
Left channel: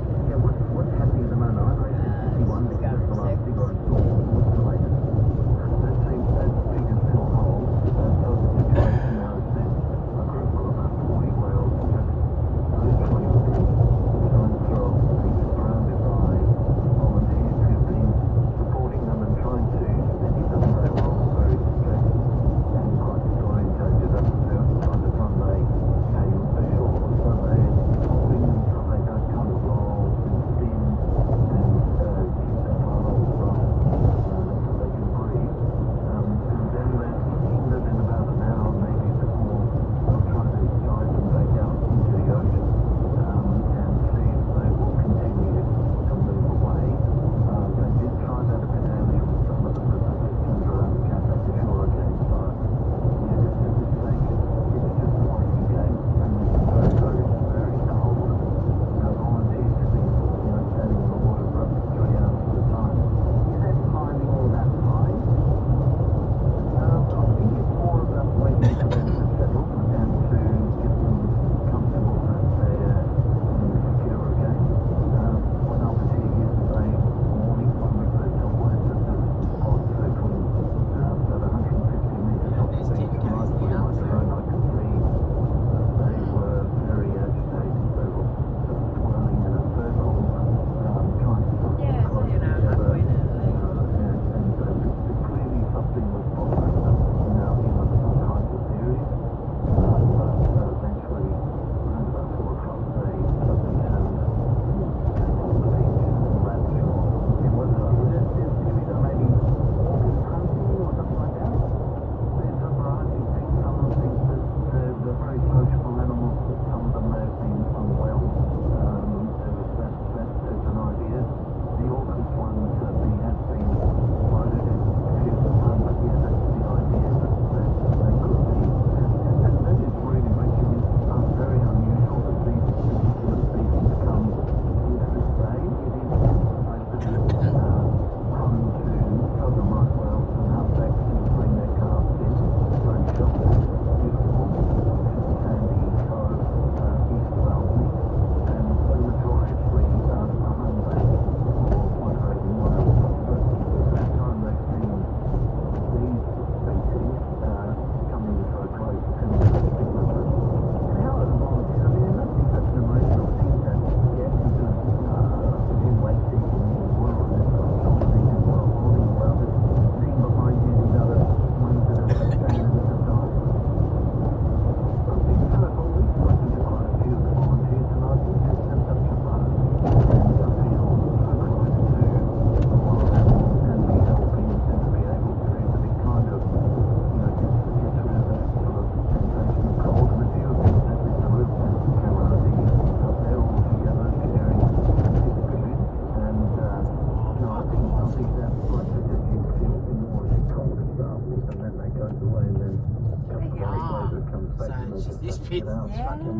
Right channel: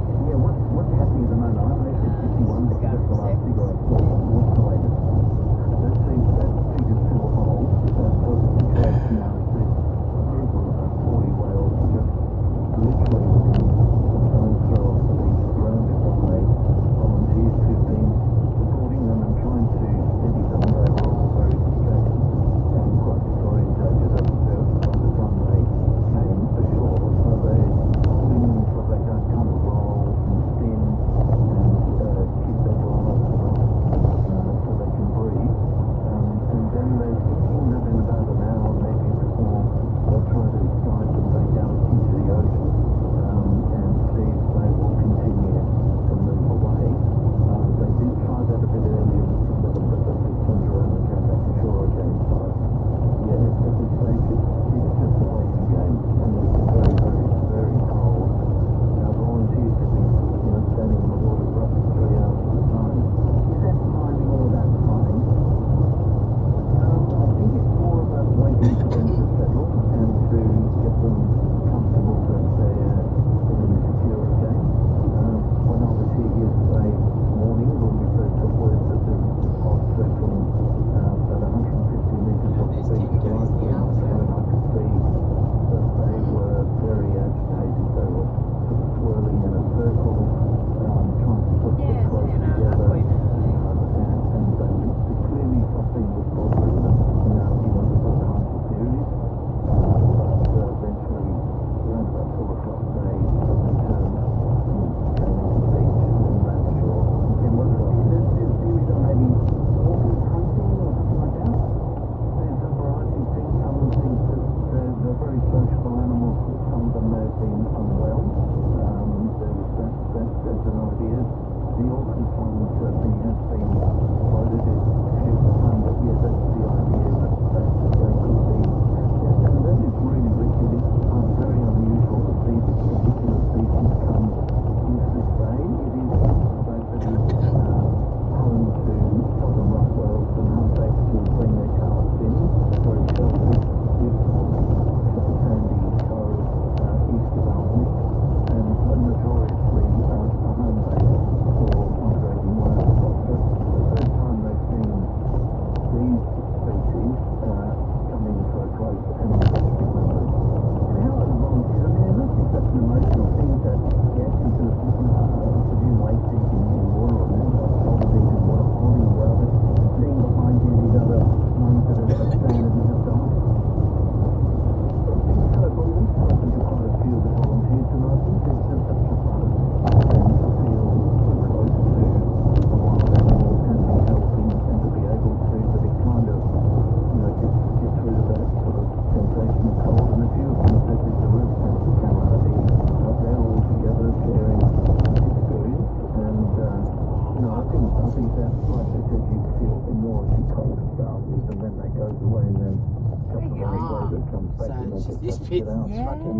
This pit. Yeah. Okay,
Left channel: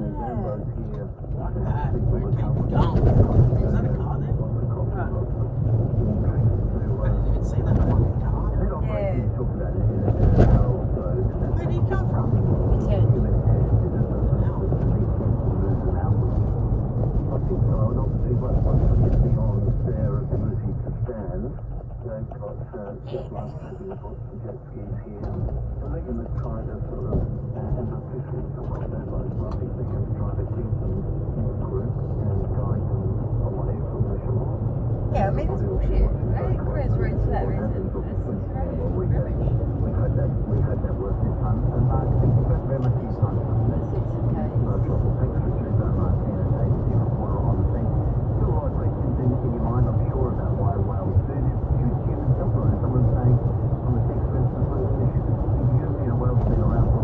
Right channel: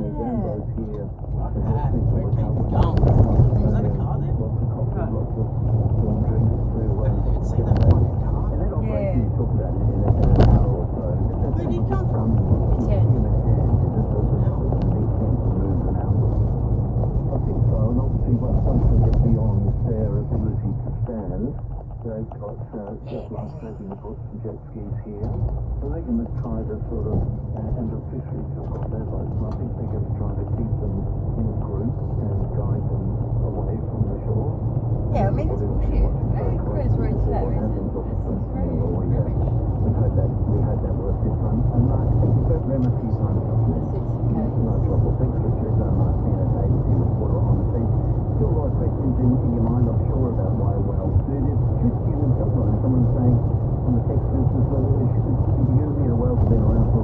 we're keeping going. Is that a car there? I didn't even see that fucking car. Yeah. Where did he come from? Yeah. Jet skis here. So they're going to try to sort of, and the fisheries or whatever, I think they're going to try to keep them in a group and guide them away from the shore. Yeah, I mean, it's bullshit. Right? Chris wrote to that reason. We hope that works this time. And Mark, thank you very much for your time. No trouble. Thanks for your time, Mark. And David, you report on the thing. Still a lot of questions in your mind, I'm sure, about why whales do this. Should given someone saying on the text, for instance, whether you know, whales have been around for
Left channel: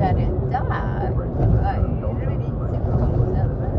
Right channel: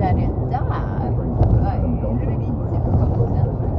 come down here and die. Like, really simple concept.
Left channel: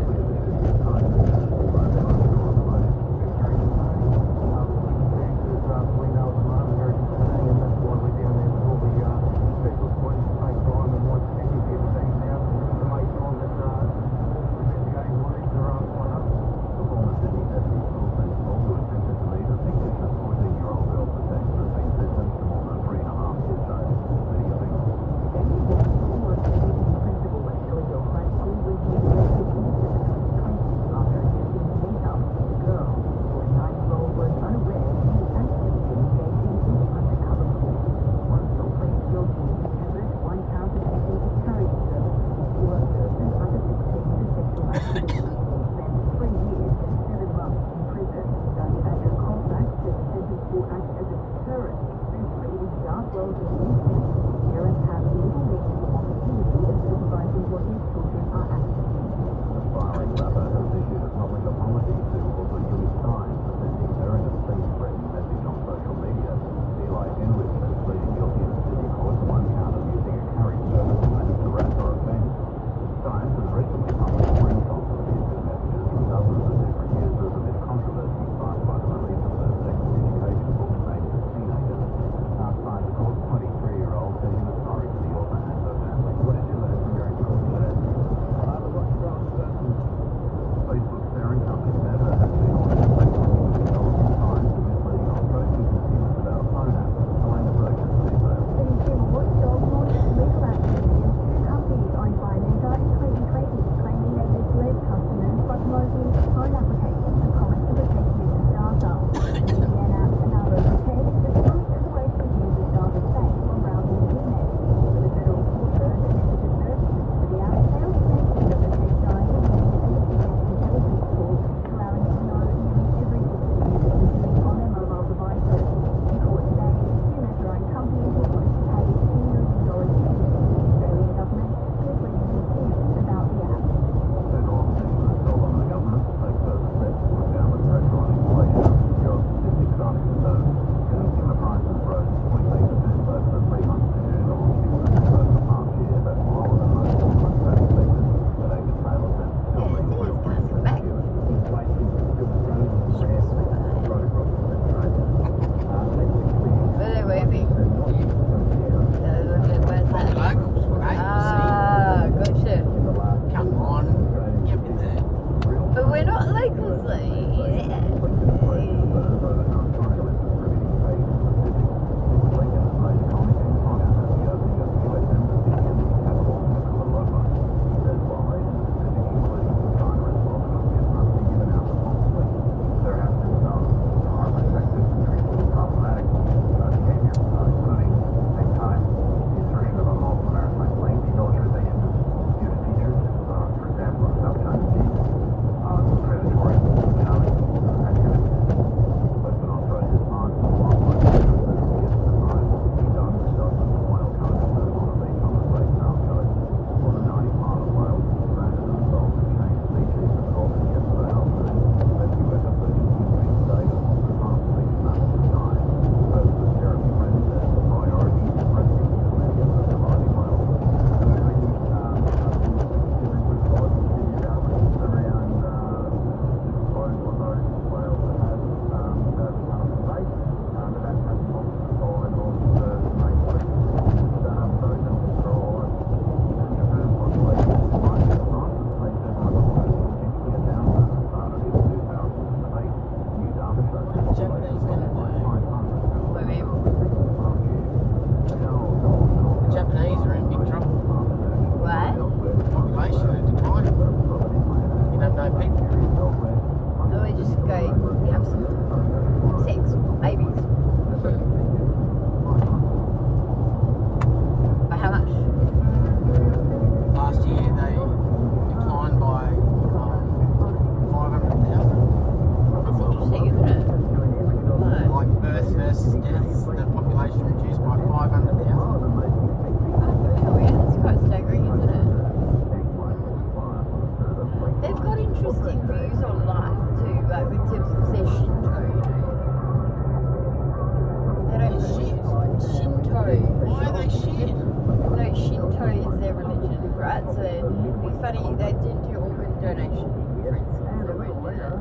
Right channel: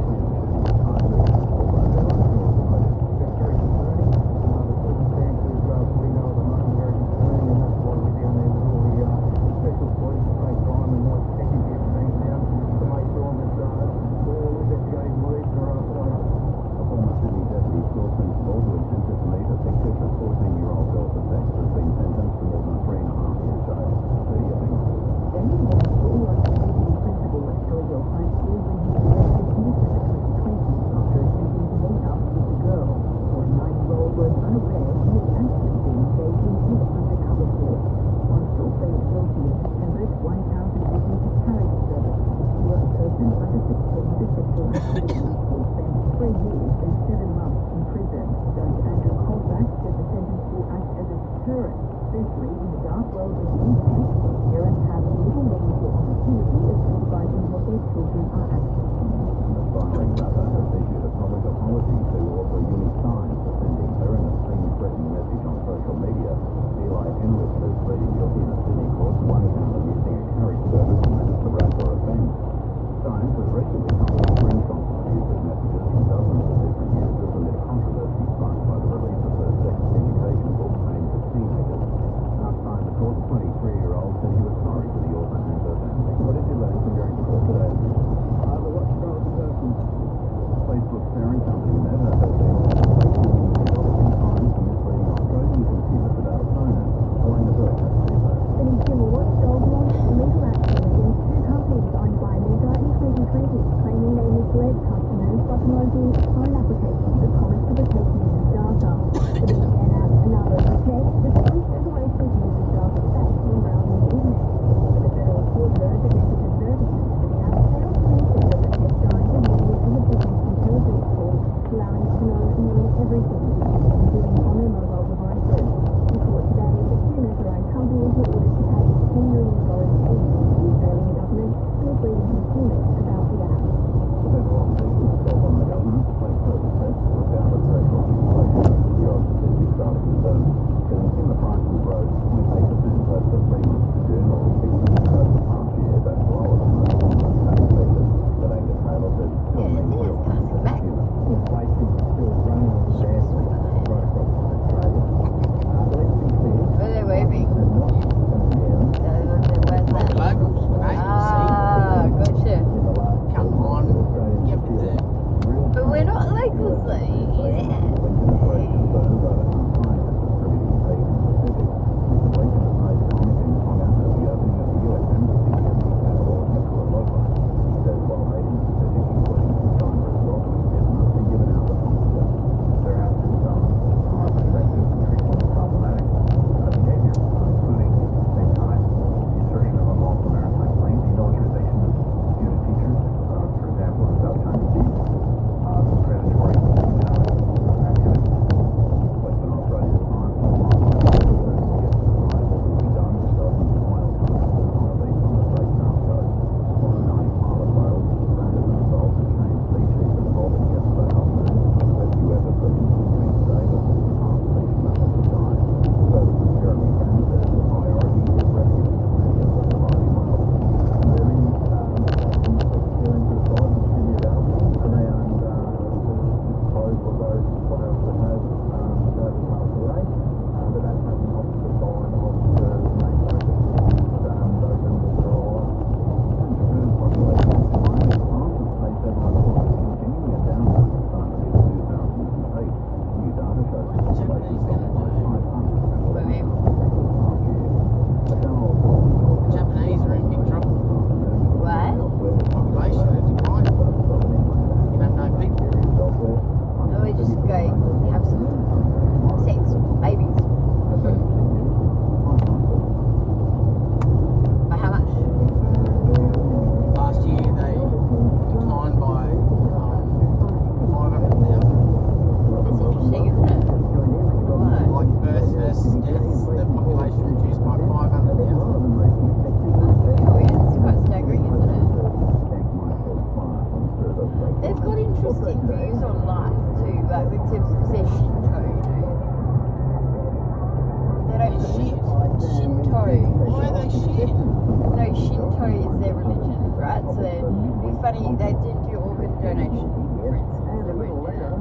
Shinto is their religion, right? So it'd be funny, they did do organ donation, for instance. They went there.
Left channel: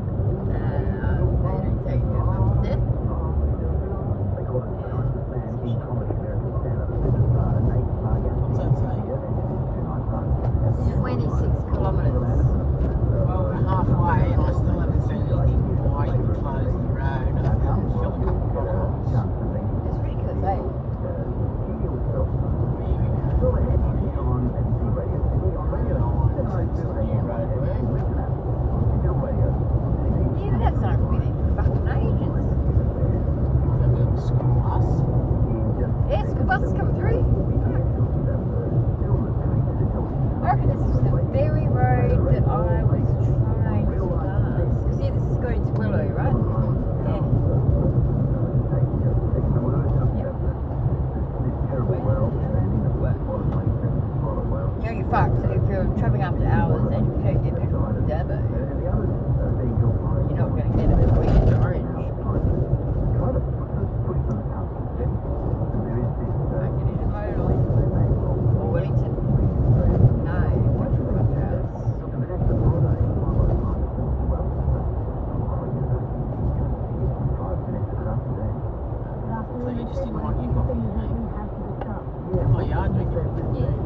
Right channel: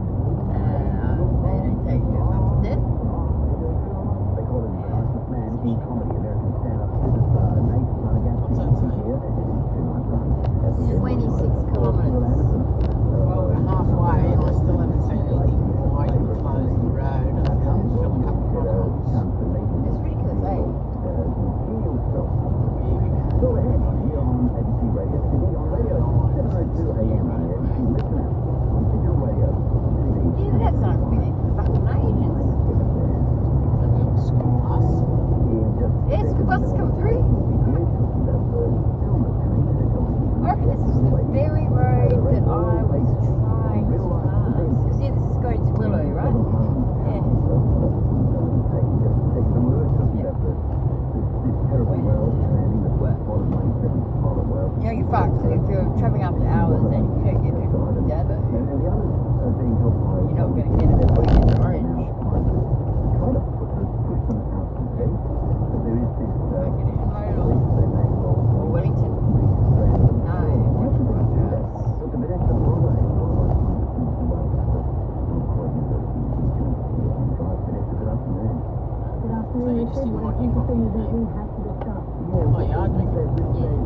They don't take it after death. They call it the nicest man in comedy, American stand-up superstar, Nate Margansky here, and tonight's on. 26 kilometres. Well, we're halfway and I still haven't seen anything why you closed the road. I feel a couple of problems. It's ridiculous, eh? So ahead here on SC Radio, on radio 7:02 AM, and listen up. Digital radio. Yeah, that's not going to be there for fucking ages. School bus. Yes, the bus has come through. I reckon this is the very road that I was trying to pass. Because see, this is going to Willow, right? Yeah. Yeah, you're fucked if you're travelling after hours and if you don't get back from Dabo. You're not going to get it before you get to Orange. You won't get into Modal or Wellington. No, don't you run fast. So you just didn't want to keep off. Oh, yeah, I drink it. Yeah.